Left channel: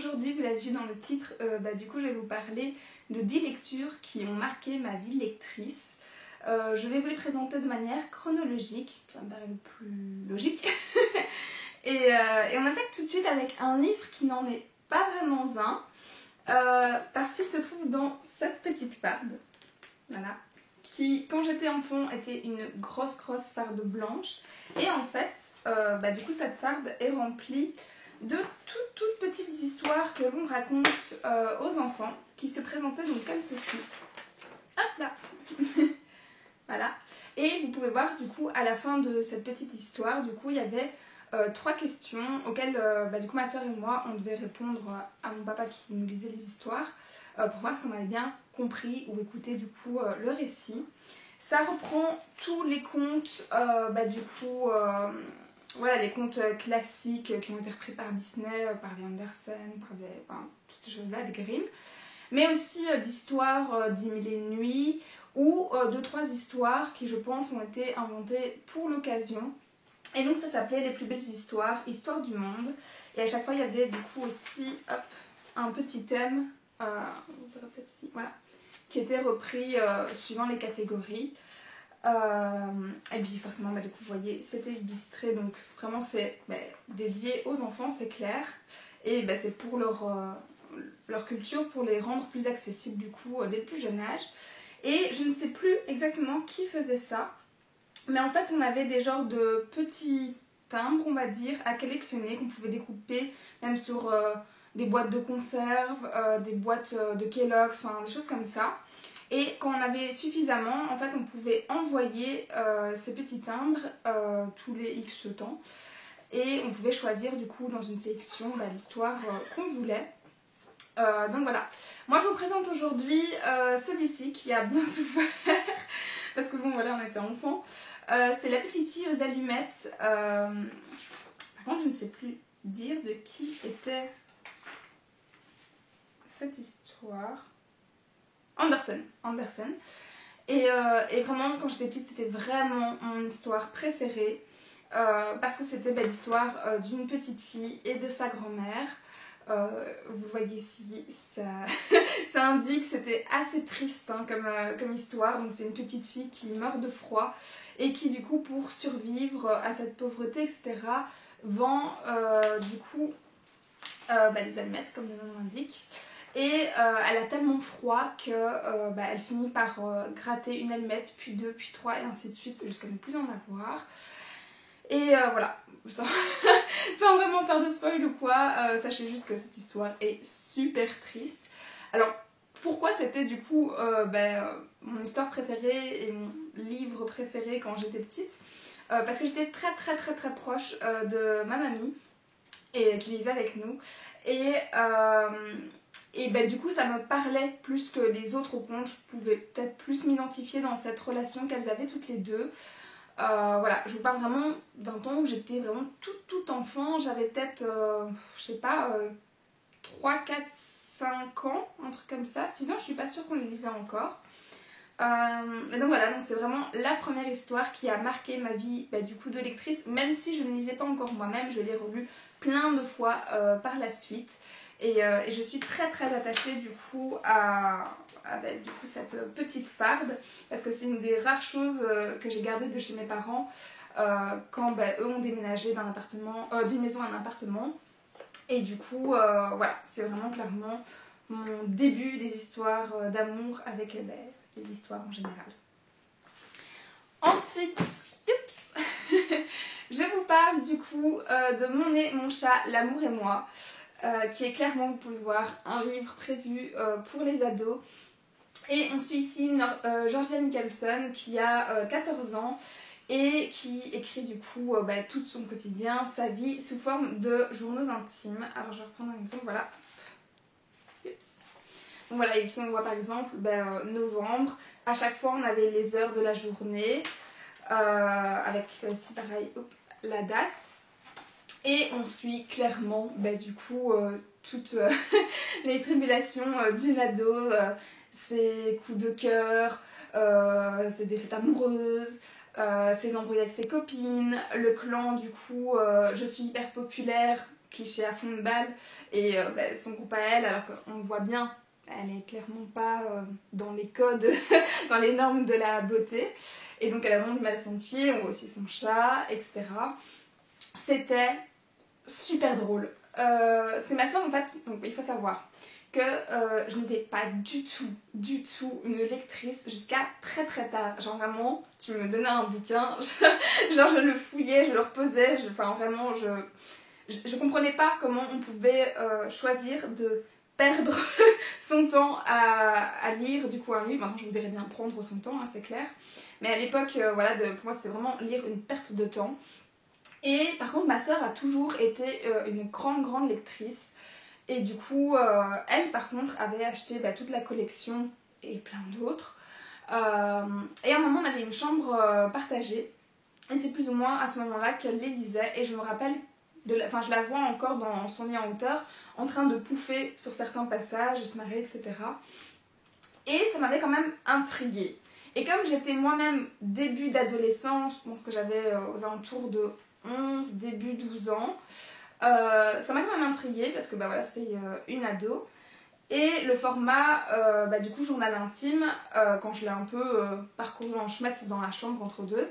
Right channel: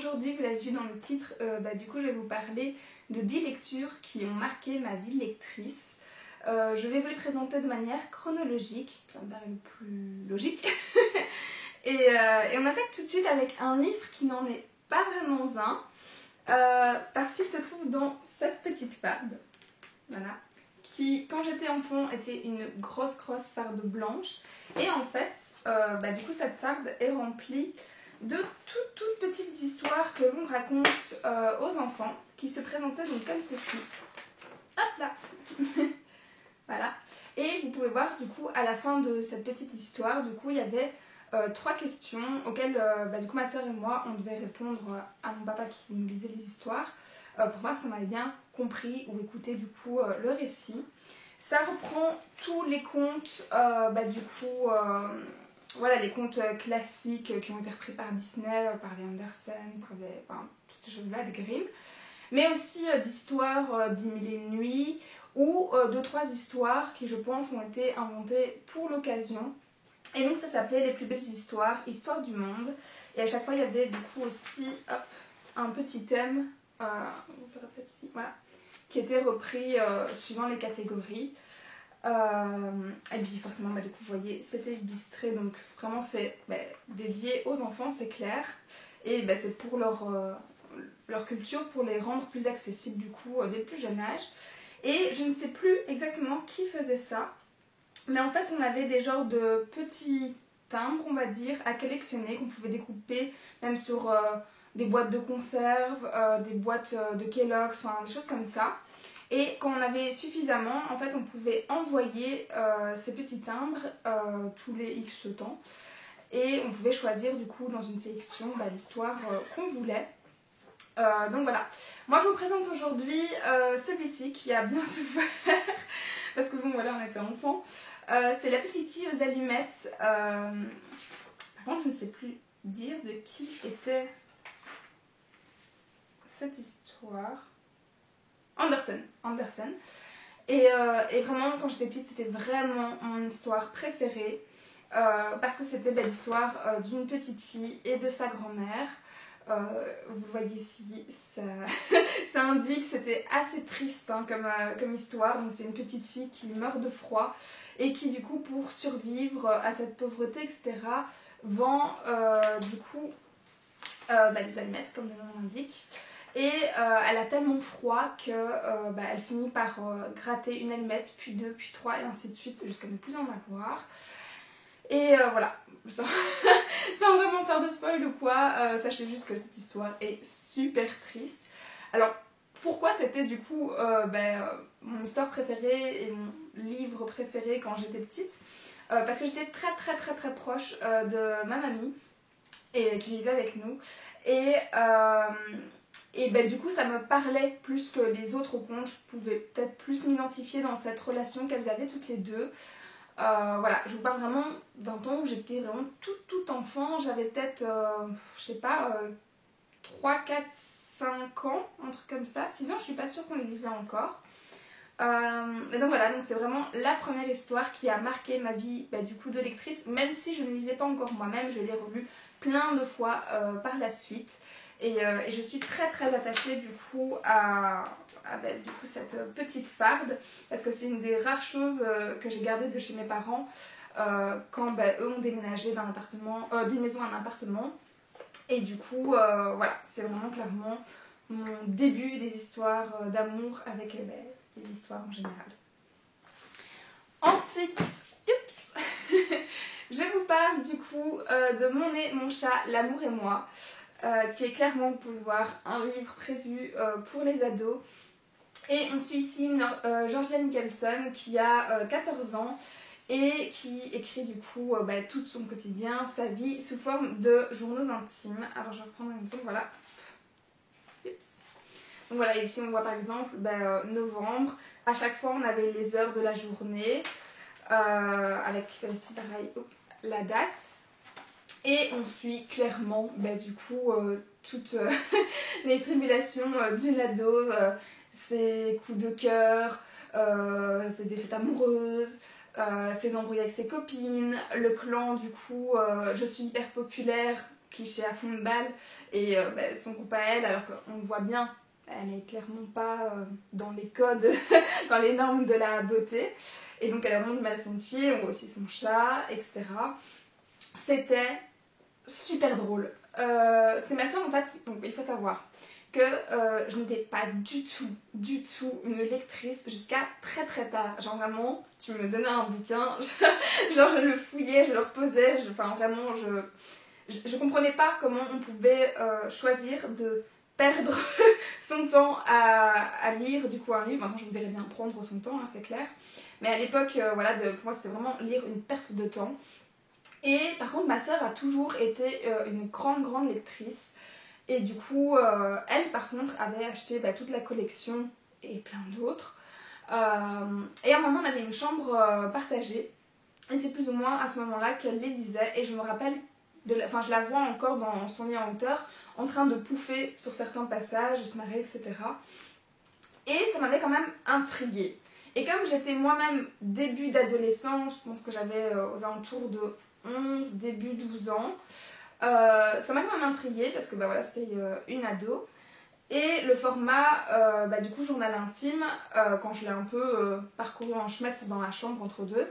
aujourd'hui, vous l'avez vu dans le titre, du coup je vais vous parler de 10 lectures qui ont marqué ma vie de lectrice. Je vais vous les présenter de manière chronologique, ça me paraît le plus logique. et on attaque tout de suite avec un livre qui n'en est pas vraiment un, parce qu'il se trouve dans cette petite farde, voilà, qui quand j'étais enfant était une grosse farde blanche. Et en fait, du coup cette farde est remplie de toutes petites histoires que l'on raconte aux enfants, qui se présentaient donc comme ceci. Hop là. Voilà. Et vous pouvez voir du coup à la fin de cette petite histoire, du coup il y avait 3 questions auxquelles du coup ma soeur et moi on devait répondre à mon papa qui nous lisait les histoires pour voir si on avait bien compris ou écouté du coup le récit. Ça reprend tous les contes voilà, les contes classiques qui ont été repris par Disney, par les Andersen, toutes ces choses-là, des Grimm, mais aussi d'histoires d'I-1000 et une nuits, ou 2-3 histoires qui, je pense, ont été inventées pour l'occasion. Et donc ça s'appelait Les plus belles histoires, Histoire du monde. Et à chaque fois, il y avait du coup aussi un petit thème, voilà, qui était repris suivant les catégories. Et puis forcément, du coup, vous voyez, c'était illustré, donc vraiment c'est dédié aux enfants, c'est clair. Et c'est pour leur culture, pour les rendre plus accessibles du coup dès le plus jeune âge. Et je ne sais plus exactement qui faisait ça, mais en fait on avait des genres de petits timbres, on va dire, à collectionner, qu'on pouvait découper même sur des boîtes de conserve, des boîtes de Kellogg's, des choses comme ça. Et quand on avait suffisamment, en fait on pouvait envoyer ces petits timbres tous les X temps. Et on pouvait choisir du coup dans une sélection l'histoire qu'on voulait. Donc voilà, moi je vous présente aujourd'hui celui-ci qui a bien souffert parce que bon voilà, on était enfants. C'est La petite fille aux allumettes. Par contre je ne sais plus dire de qui était cette histoire. Andersen. Et vraiment quand j'étais petite c'était vraiment mon histoire préférée parce que c'était l'histoire d'une petite fille et de sa grand-mère. Vous voyez ici, ça indique, c'était assez triste comme histoire. Donc c'est une petite fille qui meurt de froid et qui du coup pour survivre à cette pauvreté etc. vend du coup des allumettes comme le nom l'indique. Et elle a tellement froid que elle finit par gratter une allumette, puis 2, puis 3 et ainsi de suite jusqu'à ne plus en avoir. Et voilà, sans vraiment faire de spoil ou quoi, sachez juste que cette histoire est super triste. Alors, pourquoi c'était du coup mon histoire préférée et mon livre préféré quand j'étais petite? Parce que j'étais très proche de ma mamie et qui vivait avec nous. Et du coup ça me parlait plus que les autres contes. Je pouvais peut-être plus m'identifier dans cette relation qu'elles avaient toutes les deux. Voilà, je vous parle vraiment d'un temps où j'étais vraiment toute enfant. J'avais peut-être, je sais pas, 3, 4, 5 ans, un truc comme ça. 6 ans, je suis pas sûre qu'on les lisait encore. Mais donc voilà, donc c'est vraiment la première histoire qui a marqué ma vie du coup de lectrice. Même si je ne lisais pas encore moi-même, je l'ai relue plein de fois par la suite. Et je suis très attachée du coup à cette petite farde, parce que c'est une des rares choses que j'ai gardées de chez mes parents quand eux ont déménagé d'une maison à un appartement. Et du coup voilà, c'est vraiment clairement mon début des histoires d'amour avec les histoires en général. Ensuite, je vous parle du coup de Mon nez, mon chat, l'amour et moi, qui est clairement, vous pouvez le voir, un livre prévu pour les ados. Et on suit ici Georgia Nicholson qui a 14 ans et qui écrit du coup tout son quotidien, sa vie sous forme de journaux intimes. Alors je vais reprendre un exemple, voilà. Donc voilà, ici on voit par exemple novembre. À chaque fois on avait les heures de la journée avec ici pareil la date. Et on suit clairement du coup toutes les tribulations d'une ado, ses coups de cœur, ses défaites amoureuses, ses embrouilles avec ses copines, le clan du coup je suis hyper populaire, cliché à fond de balle et son groupe à elle, alors qu'on le voit bien, elle est clairement pas dans les codes, dans les normes de la beauté. Et donc elle a vraiment du mal à s'identifier, on voit aussi son chat, etc. C'était super drôle. C'est ma soeur en fait, donc il faut savoir que je n'étais pas du tout une lectrice jusqu'à très tard. Genre vraiment, tu me donnais un bouquin, genre je le fouillais, je le reposais, enfin vraiment je comprenais pas comment on pouvait choisir de perdre son temps à lire du coup un livre. Maintenant je vous dirais bien prendre son temps, hein, c'est clair. Mais à l'époque, voilà, pour moi c'était vraiment lire une perte de temps. Et par contre ma soeur a toujours été une grande lectrice. Et du coup, elle par contre avait acheté toute la collection et plein d'autres. Et à un moment on avait une chambre partagée. Et c'est plus ou moins à ce moment-là qu'elle les lisait. Et je me rappelle, enfin je la vois encore dans son lit en hauteur, en train de pouffer sur certains passages, se marrer, etc. Et ça m'avait quand même intriguée. Et comme j'étais moi-même début d'adolescence, je pense que j'avais aux alentours de 11, début 12 ans, ça m'a quand même intriguée parce que voilà, c'était une ado. Et le format, du coup, journal intime, quand je l'ai un peu parcouru en chemette dans la chambre entre deux,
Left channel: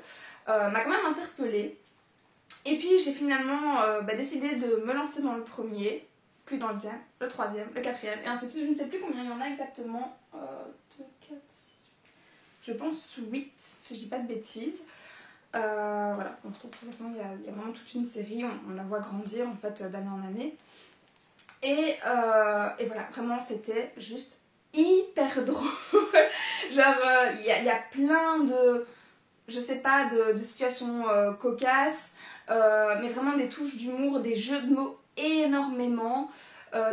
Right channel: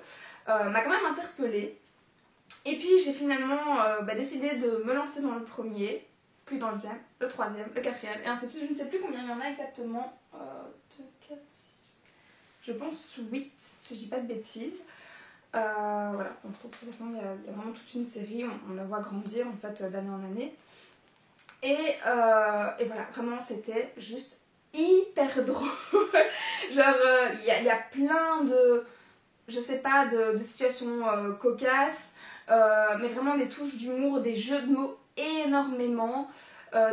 m'a quand même interpellée. Et puis j'ai finalement décidé de me lancer dans le premier, puis dans le deuxième, le troisième, le quatrième, et ainsi de suite. Je ne sais plus combien il y en a exactement. 2, 4, 6, je pense 8, si je dis pas de bêtises. Voilà, on trouve de toute façon il y a vraiment toute une série, on la voit grandir en fait d'année en année. Et voilà, vraiment c'était juste hyper drôle. Genre il y a plein de, je sais pas, de situations cocasses, mais vraiment des touches d'humour, des jeux de mots énormément,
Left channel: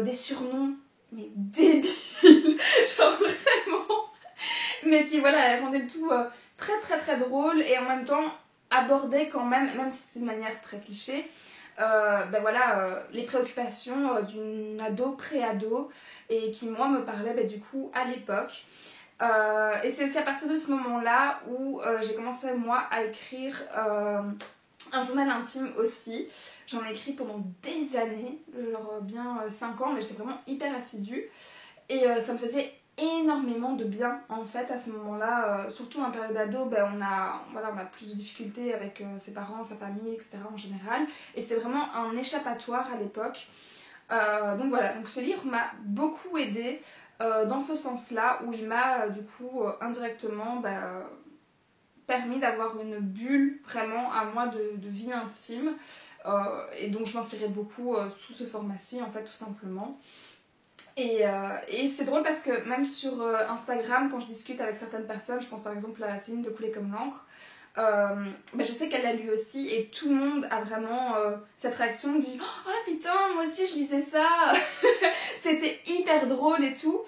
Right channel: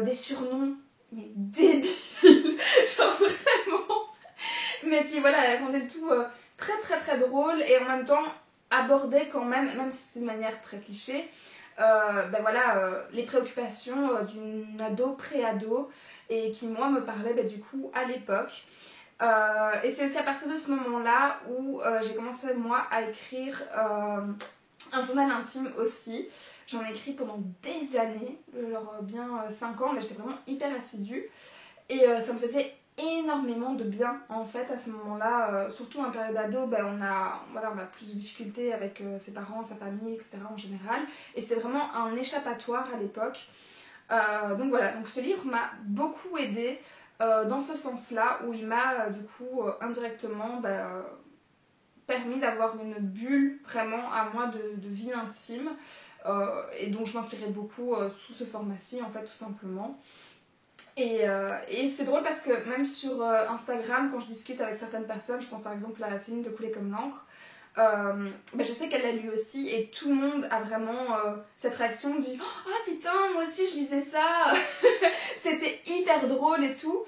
des surnoms mais débiles, genre vraiment, mais qui voilà, rendaient le tout très drôle et en même temps abordaient quand même si c'était de manière très cliché, voilà, les préoccupations d'une ado, pré-ado, et qui moi me parlaient du coup à l'époque. Et c'est aussi à partir de ce moment-là où j'ai commencé moi à écrire un journal intime aussi. J'en ai écrit pendant des années, genre bien 5 ans, mais j'étais vraiment hyper assidue. Et ça me faisait énormément de bien en fait à ce moment-là, surtout en période ado, on a plus de difficultés avec ses parents, sa famille, etc. en général. Et c'est vraiment un échappatoire à l'époque. Donc voilà, donc ce livre m'a beaucoup aidée dans ce sens-là, où il m'a du coup indirectement permis d'avoir une bulle vraiment à moi de vie intime, et donc je m'inspirais beaucoup sous ce format-ci en fait tout simplement. Et c'est drôle parce que même sur Instagram, quand je discute avec certaines personnes, je pense par exemple à Céline de Couler comme l'encre, je sais qu'elle l'a lu aussi et tout le monde a vraiment cette réaction du « Oh putain, moi aussi je lisais ça !» C'était hyper drôle et tout.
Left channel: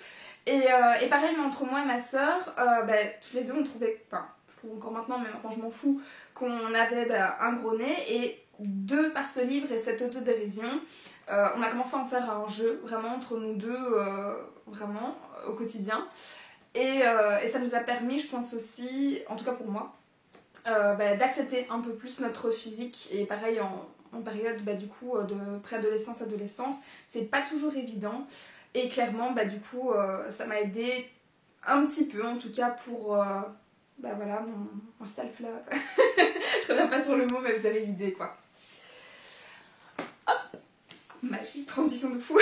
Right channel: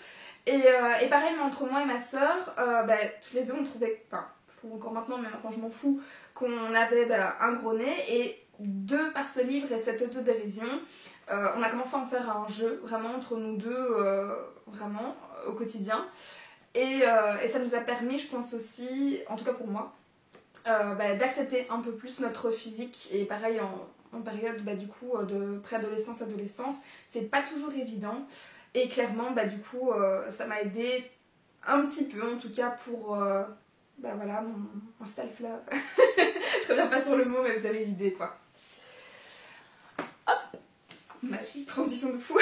Et pareil, entre moi et ma soeur, tous les deux on trouvait, enfin je trouve encore maintenant, mais maintenant je m'en fous, qu'on avait un gros nez. Et de par ce livre et cette autodérision, on a commencé à en faire un jeu vraiment entre nous deux, vraiment au quotidien. Et ça nous a permis, je pense aussi, en tout cas pour moi, d'accepter un peu plus notre physique. Et pareil en période du coup de préadolescence, adolescence, c'est pas toujours évident. Et clairement du coup ça m'a aidé un petit peu en tout cas pour voilà mon self-love. Je reviens pas sur le mot, mais vous avez l'idée quoi. Hop, magie, transition de fou.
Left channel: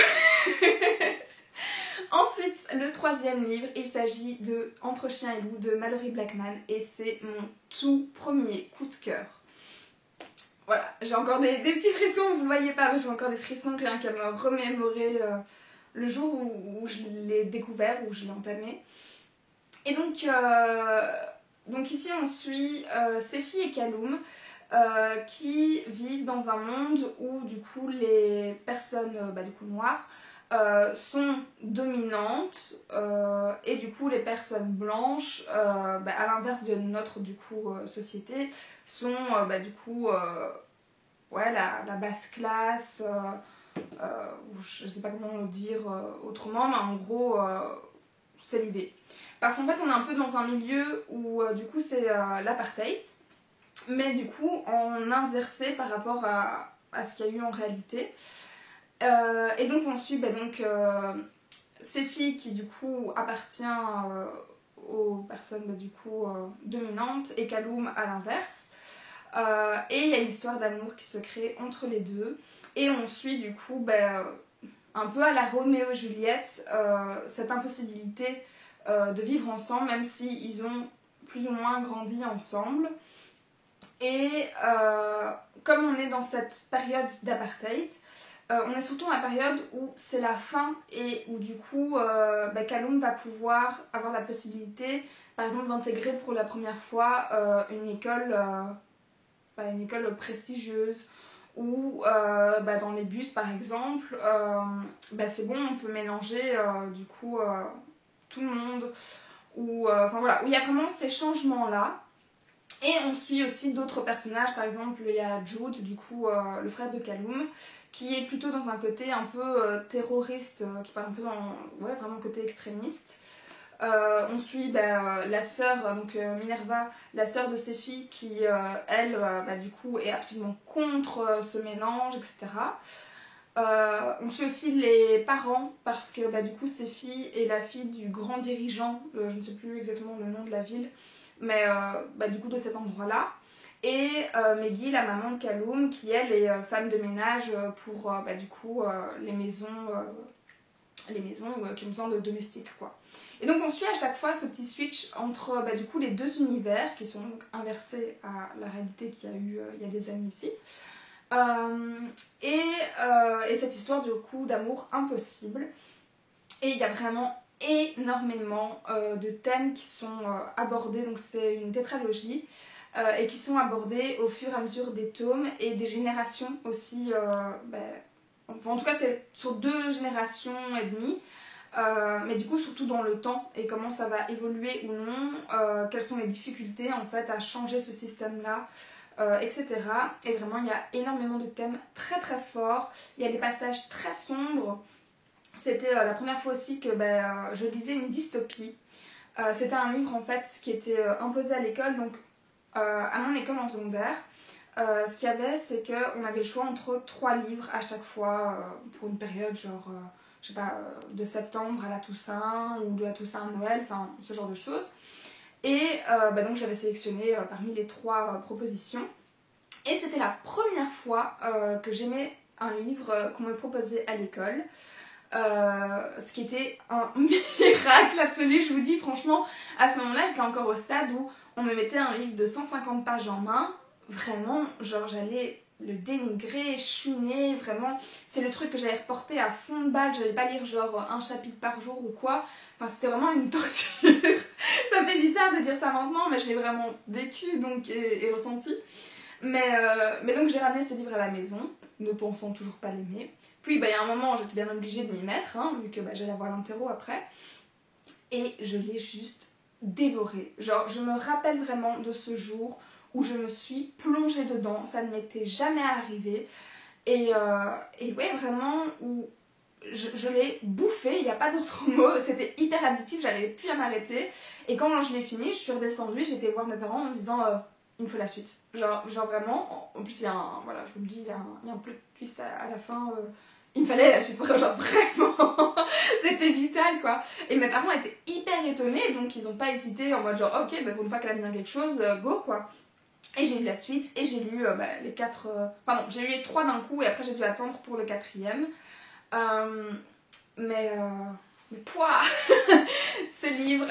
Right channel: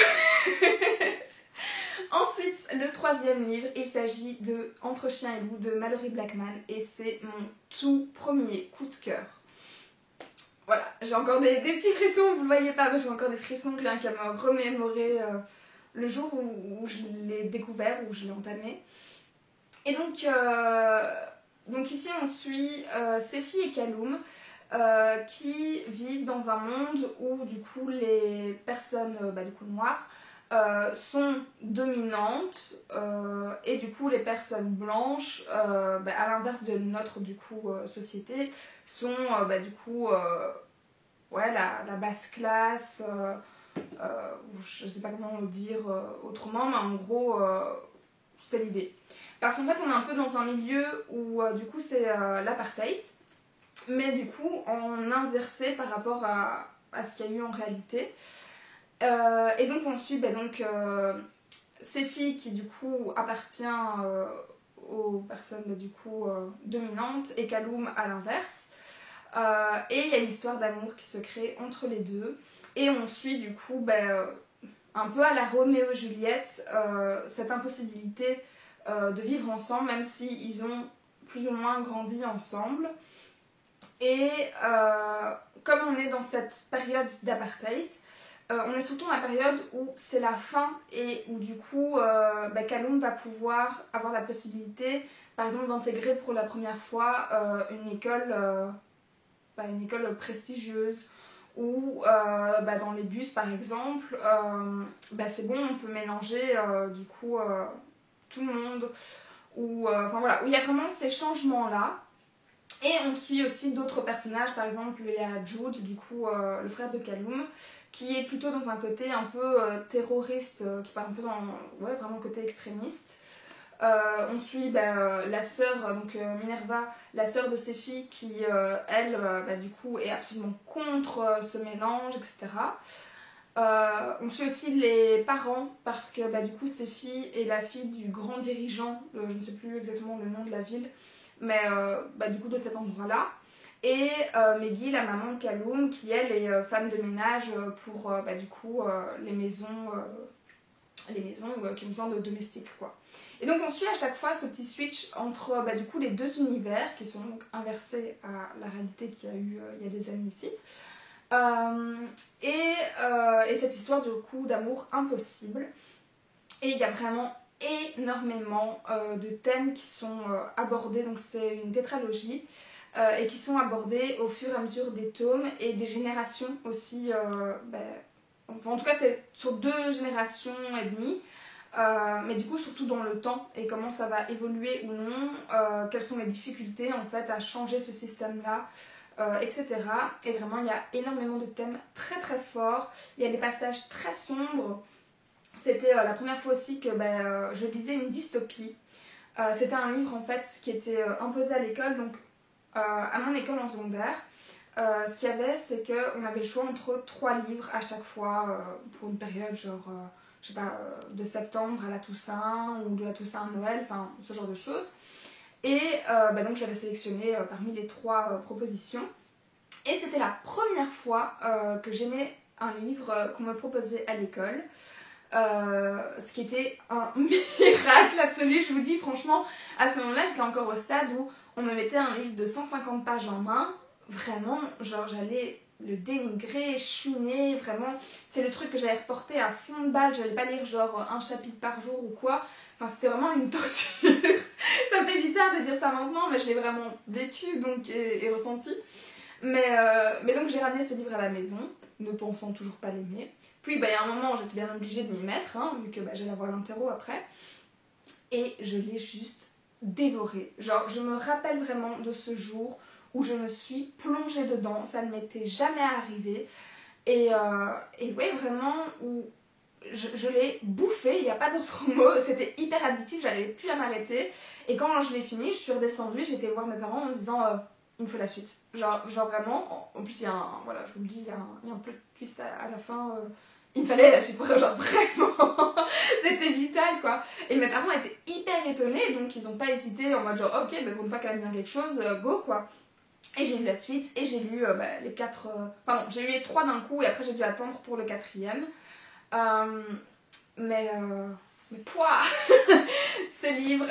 Ensuite, le troisième livre, il s'agit de Entre chien et loup de Malorie Blackman, et c'est mon tout premier coup de cœur. Voilà, j'ai encore des petits frissons, vous le voyez pas, mais j'ai encore des frissons rien qu'à me remémorer le jour où je l'ai découvert, où je l'ai entamé. Et donc ici on suit Sefi et Kaloum qui vivent dans un monde où du coup les personnes du coup noires sont dominantes et du coup les personnes blanches à l'inverse de notre du coup société sont du coup la basse classe, je sais pas comment le dire autrement, mais en gros c'est l'idée. Parce qu'en fait on est un peu dans un milieu où du coup c'est l'apartheid, mais du coup en inversé par rapport à ce qu'il y a eu en réalité. Et donc on suit Séphie qui du coup appartient aux personnes du coup dominantes et Kaloum à l'inverse. Et il y a une histoire d'amour qui se crée entre les deux. Et on suit du coup un peu à la Roméo et Juliette cette impossibilité de vivre ensemble, même si ils ont plus ou moins grandi ensemble. Et comme on est dans cette période d'apartheid, on est surtout dans la période où c'est la fin et où du coup Kaloum va pouvoir avoir la possibilité par exemple d'intégrer pour la première fois une école prestigieuse ou dans les bus par exemple c'est bon, on peut mélanger du coup tout le monde ou enfin voilà, où il y a vraiment ces changements là. Et on suit aussi d'autres personnages, par exemple il y a Jude, du coup le frère de Kaloum, qui est plutôt dans un côté un peu terroriste, qui part un peu dans vraiment côté extrémiste. On suit la sœur, donc Minerva, la sœur de Séphie, qui elle, du coup, est absolument contre ce mélange, etc. On suit aussi les parents, parce que du coup, Séphie est la fille du grand dirigeant, je ne sais plus exactement le nom de la ville, mais du coup de cet endroit-là. Et Meggy, la maman de Kaloum, qui elle est femme de ménage pour du coup les maisons qui ont besoin de domestiques quoi. Et donc on suit à chaque fois ce petit switch entre du coup les deux univers qui sont donc inversés à la réalité qu'il y a eu il y a des années ici. Et cette histoire de coup d'amour impossible. Et il y a vraiment énormément de thèmes qui sont abordés, donc c'est une tétralogie et qui sont abordés au fur et à mesure des tomes et des générations aussi, enfin, en tout cas c'est sur 2 générations et demie, mais du coup surtout dans le temps et comment ça va évoluer ou non, quelles sont les difficultés en fait à changer ce système là, etc. Et vraiment il y a énormément de thèmes très très forts, il y a des passages très sombres. C'était la première fois aussi que je lisais une dystopie. C'était un livre en fait qui était imposé à l'école, donc à mon école en secondaire. Ce qu'il y avait, c'est qu'on avait le choix entre 3 livres à chaque fois pour une période genre, je sais pas, de septembre à la Toussaint ou de la Toussaint à Noël, enfin ce genre de choses. Et donc j'avais sélectionné parmi les 3 propositions. Et c'était la première fois que j'aimais un livre qu'on me proposait à l'école. Ce qui était un miracle absolu, je vous dis franchement, à ce moment-là j'étais encore au stade où on me mettait un livre de 150 pages en main, vraiment, genre j'allais le dénigrer, chouiner, vraiment, c'est le truc que j'allais reporter à fond de balle, j'allais pas lire genre un chapitre par jour ou quoi, enfin c'était vraiment une torture. Ça me fait bizarre de dire ça maintenant, mais je l'ai vraiment vécu donc, et ressenti. Mais donc j'ai ramené ce livre à la maison, ne pensant toujours pas l'aimer. Puis il y a un moment j'étais bien obligée de m'y mettre, vu que j'allais avoir l'interro après. Et je l'ai juste dévoré. Genre je me rappelle vraiment de ce jour où je me suis plongée dedans, ça ne m'était jamais arrivé. Et ouais vraiment, où je l'ai bouffé, il n'y a pas d'autre mot, c'était hyper addictif, j'avais plus à m'arrêter. Et quand je l'ai fini, je suis redescendue, j'étais voir mes parents en me disant... il me faut la suite. Genre vraiment, en plus il y a un, voilà, je vous le dis, il y a un plot twist à la fin, il me fallait la suite, genre vraiment, c'était vital quoi. Et mes parents étaient hyper étonnés, donc ils n'ont pas hésité en mode genre, ok, pour une fois qu'elle a bien quelque chose, go quoi. Et j'ai lu la suite, et j'ai lu les 4, pardon, j'ai lu les 3 d'un coup, et après j'ai dû attendre pour le 4e. Mais pouah ce livre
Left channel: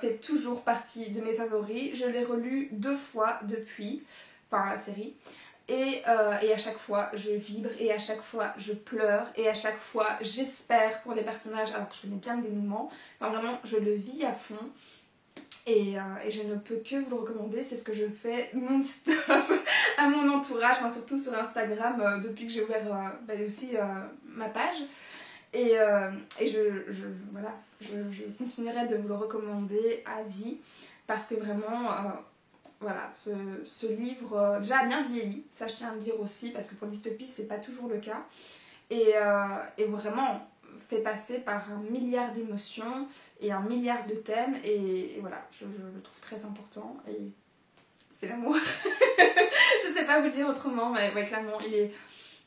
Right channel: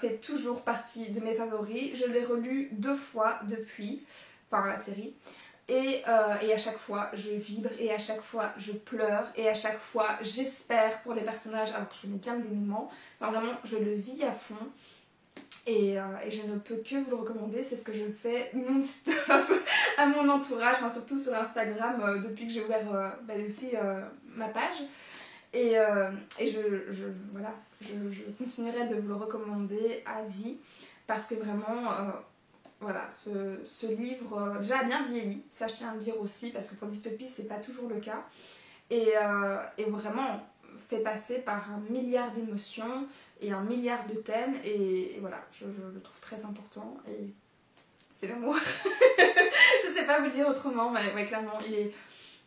fait toujours partie de mes favoris. Je l'ai relu 2 fois depuis, enfin la série. Et à chaque fois je vibre, et à chaque fois je pleure, et à chaque fois j'espère pour les personnages alors que je connais bien le dénouement. Enfin, vraiment je le vis à fond. Et je ne peux que vous le recommander, c'est ce que je fais non-stop à mon entourage, enfin, surtout sur Instagram depuis que j'ai ouvert aussi ma page. Et je continuerai de vous le recommander à vie parce que vraiment, voilà, ce livre déjà a bien vieilli, ça je tiens à le dire aussi parce que pour dystopie c'est pas toujours le cas. Et vraiment fait passer par un milliard d'émotions et un milliard de thèmes et voilà, je le trouve très important et c'est l'amour. Je sais pas vous dire autrement, mais ouais, clairement il est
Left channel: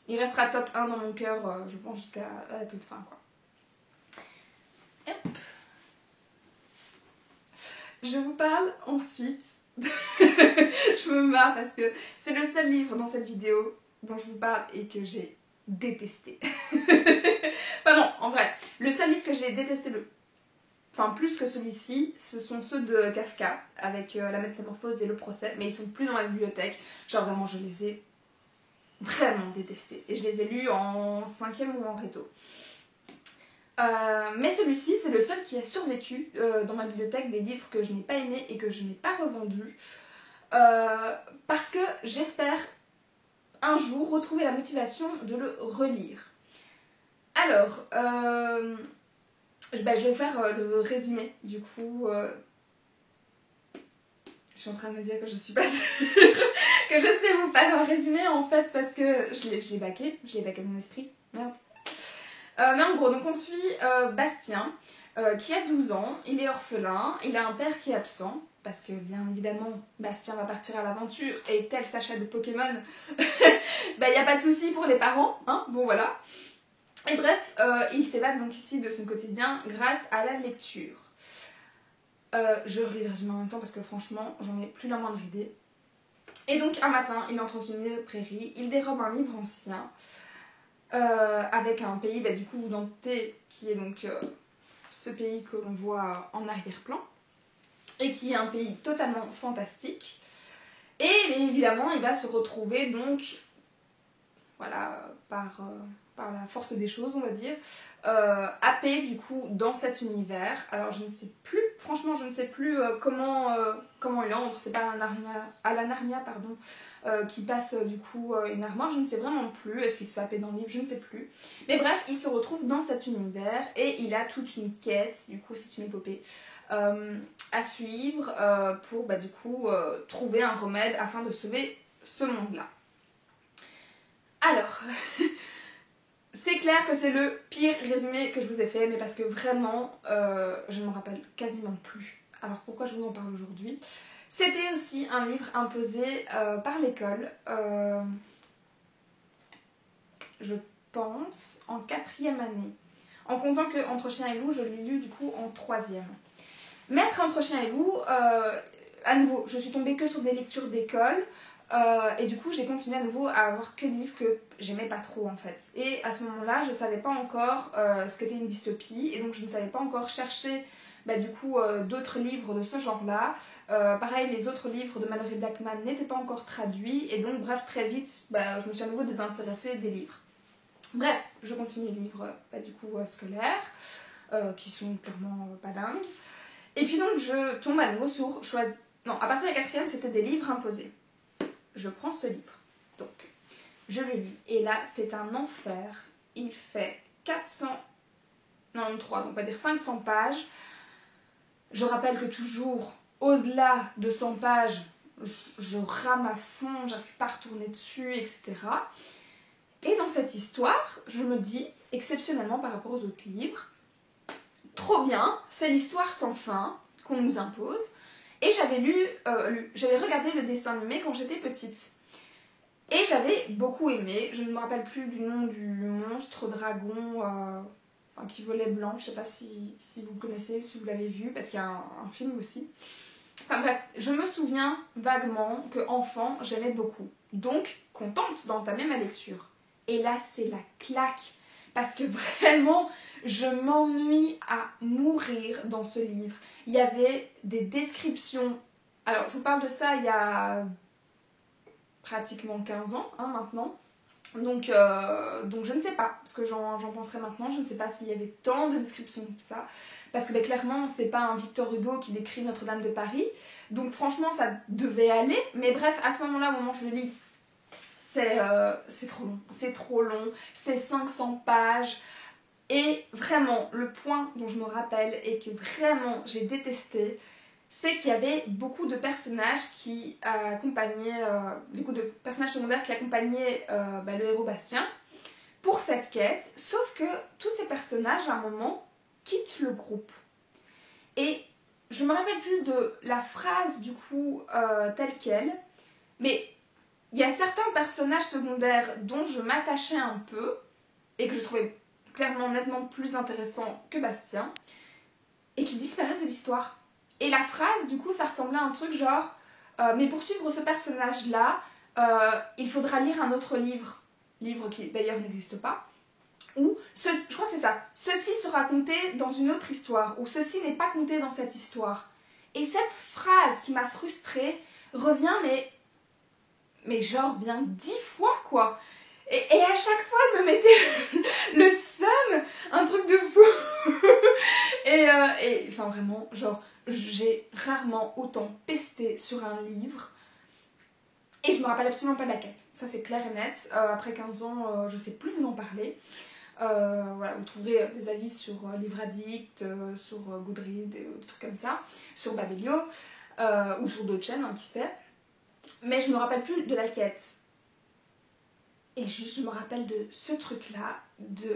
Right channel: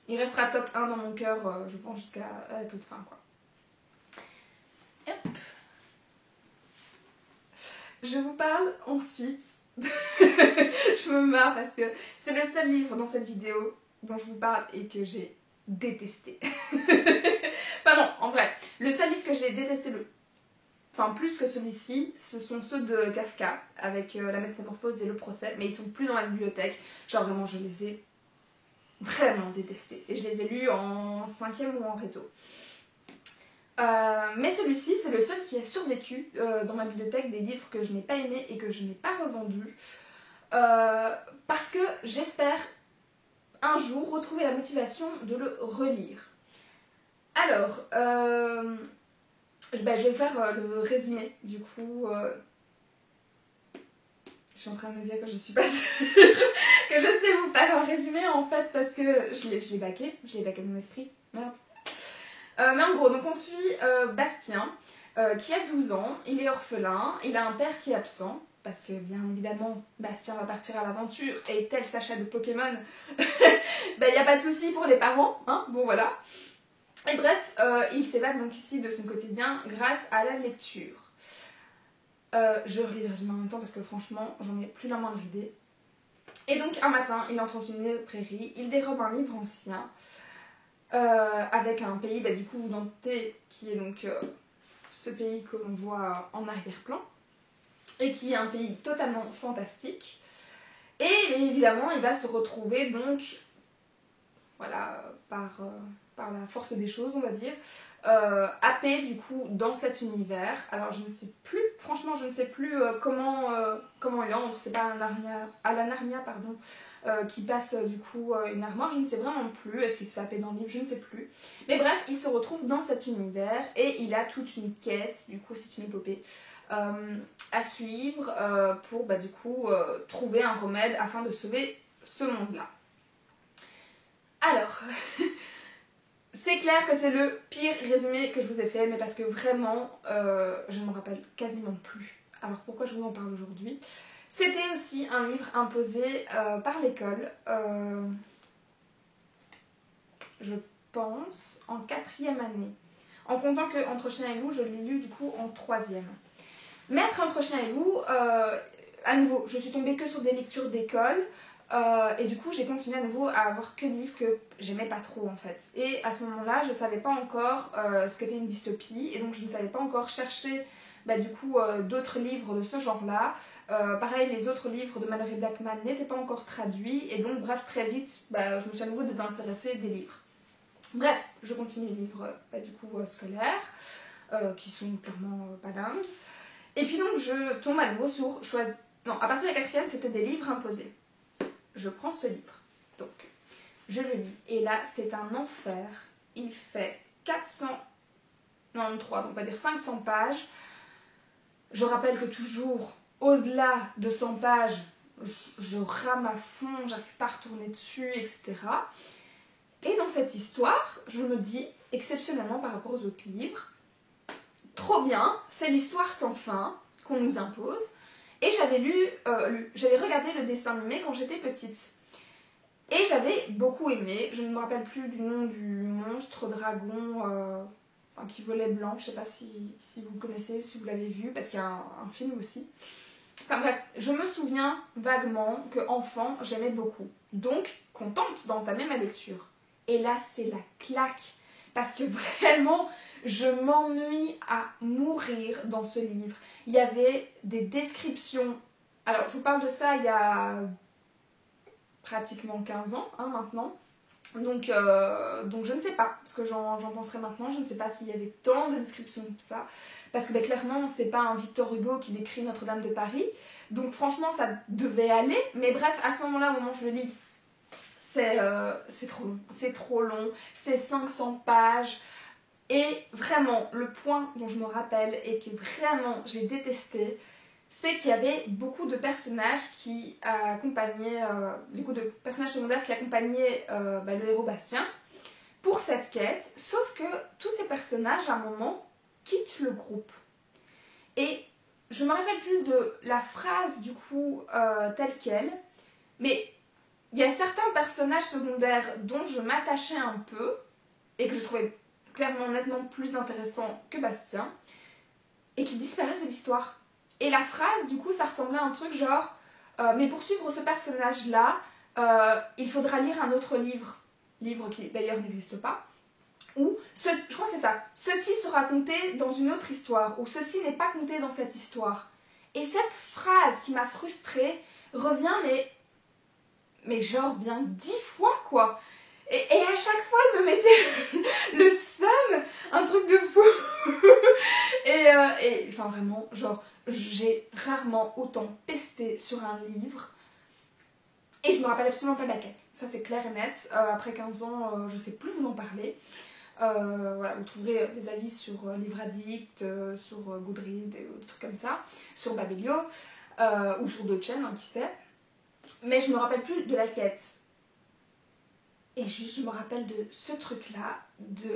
Il restera top 1 dans mon cœur, je pense, jusqu'à la toute fin, quoi. Hop. Je vous parle ensuite. Je me marre parce que c'est le seul livre dans cette vidéo dont je vous parle et que j'ai détesté. Enfin non, en vrai, le seul livre que j'ai détesté enfin plus que celui-ci, ce sont ceux de Kafka avec la métamorphose et le procès, mais ils sont plus dans la bibliothèque. Genre vraiment, je les ai vraiment détestés et je les ai lus en 5e ou en réto. Mais celui-ci, c'est le seul qui a survécu dans ma bibliothèque des livres que je n'ai pas aimés et que je n'ai pas revendus. Parce que j'espère un jour retrouver la motivation de le relire. Alors, je vais faire le résumé du coup. Je suis en train de me dire que je suis pas sûre que je sais vous faire un résumé en fait parce que je l'ai baqué dans mon esprit. Merde. Mais en gros, donc on suit Bastien qui a 12 ans, il est orphelin, il a un père qui est absent. Parce que bien évidemment, Bastien va partir à l'aventure et tel Sacha de Pokémon, il n'y a pas de souci pour les parents, hein, bon voilà. Et bref, il s'évade donc ici de son quotidien grâce à la lecture. Je relis le résumé en même temps parce que franchement, j'en ai plus la moindre idée. Et donc un matin, il entre dans une prairie, il dérobe un livre ancien avec un pays, du coup vous doutez, qui est donc ce pays que l'on voit en arrière-plan. Et qui est un pays totalement fantastique. Et évidemment, il va se retrouver donc, voilà, par la force des choses, on va dire, happé du coup dans cet univers. Alors je ne sais plus, franchement, je ne sais plus comment il entre. C'est pas à la Narnia, pardon, qui passe du coup une armoire. Je ne sais vraiment plus. Est-ce qu'il se fait happer dans le livre? Je ne sais plus. Mais bref, il se retrouve dans cet univers et il a toute une quête. Du coup, c'est une épopée. À suivre pour du coup trouver un remède afin de sauver ce monde-là. Alors, c'est clair que c'est le pire résumé que je vous ai fait, mais parce que vraiment, je ne me rappelle quasiment plus. Alors pourquoi je vous en parle aujourd'hui? C'était aussi un livre imposé par l'école, je pense, en 4e année. En comptant que Entre Chien et Loup, je l'ai lu du coup en 3e. Mais après Entre Chien et Loup, à nouveau, je suis tombée que sur des lectures d'école et du coup j'ai continué à nouveau à avoir que des livres que j'aimais pas trop en fait. Et à ce moment-là, je savais pas encore ce qu'était une dystopie et donc je ne savais pas encore chercher du coup d'autres livres de ce genre-là. Pareil, les autres livres de Malory Blackman n'étaient pas encore traduits et donc bref, très vite, je me suis à nouveau désintéressée des livres. Bref, je continue les livres du coup scolaires qui sont clairement pas dingues. Et puis donc je tombe à nouveau sur non, à partir de la 4e, c'était des livres imposés. Je prends ce livre, donc je le lis. Et là, c'est un enfer. Il fait 493, donc on va dire 500 pages. Je rappelle que toujours, au-delà de 100 pages, je rame à fond, j'arrive pas à retourner dessus, etc. Et dans cette histoire, je me dis, exceptionnellement par rapport aux autres livres, trop bien, c'est l'histoire sans fin qu'on nous impose. Et j'avais regardé le dessin animé quand j'étais petite. Et j'avais beaucoup aimé. Je ne me rappelle plus du nom du monstre dragon qui volait blanc. Je ne sais pas si vous le connaissez, si vous l'avez vu, parce qu'il y a un film aussi. Enfin bref, je me souviens vaguement qu'enfant, j'aimais beaucoup. Donc, contente d'entamer ma lecture. Et là, c'est la claque. Parce que vraiment, je m'ennuie à mourir dans ce livre. Il y avait des descriptions. Alors, je vous parle de ça il y a pratiquement 15 ans maintenant. Donc je ne sais pas ce que j'en penserai maintenant. Je ne sais pas s'il y avait tant de descriptions que ça. Parce que clairement, c'est pas un Victor Hugo qui décrit Notre-Dame de Paris. Donc franchement, ça devait aller. Mais bref, à ce moment-là, au moment où je le lis, c'est trop long. C'est trop long. C'est 500 pages. Et vraiment, le point dont je me rappelle et que vraiment j'ai détesté, c'est qu'il y avait beaucoup de personnages qui accompagnaient, beaucoup de personnages secondaires qui accompagnaient le héros Bastien pour cette quête, sauf que tous ces personnages, à un moment, quittent le groupe. Et je me rappelle plus de la phrase, du coup, telle quelle, mais il y a certains personnages secondaires dont je m'attachais un peu et que je trouvais clairement nettement plus intéressants que Bastien et qui disparaissent de l'histoire. Et la phrase, du coup, ça ressemblait à un truc genre mais pour suivre ce personnage-là, il faudra lire un autre livre qui d'ailleurs n'existe pas, ou, je crois que c'est ça, ceci sera compté dans une autre histoire, ou ceci n'est pas compté dans cette histoire. Et cette phrase qui m'a frustrée revient, mais genre bien 10 fois, quoi. Et à chaque fois, elle me mettait le seum, un truc de fou. et enfin vraiment, genre, j'ai rarement autant pesté sur un livre. Et je me rappelle absolument pas de la quête. Ça, c'est clair et net. Après 15 ans, je sais plus vous en parler. Voilà, vous trouverez des avis sur Livre Addict, sur Goodreads et des trucs comme ça, sur Babelio, ou sur d'autres chaînes, hein, qui sait. Mais je me rappelle plus de la quête. Et juste, je me rappelle de ce truc-là, du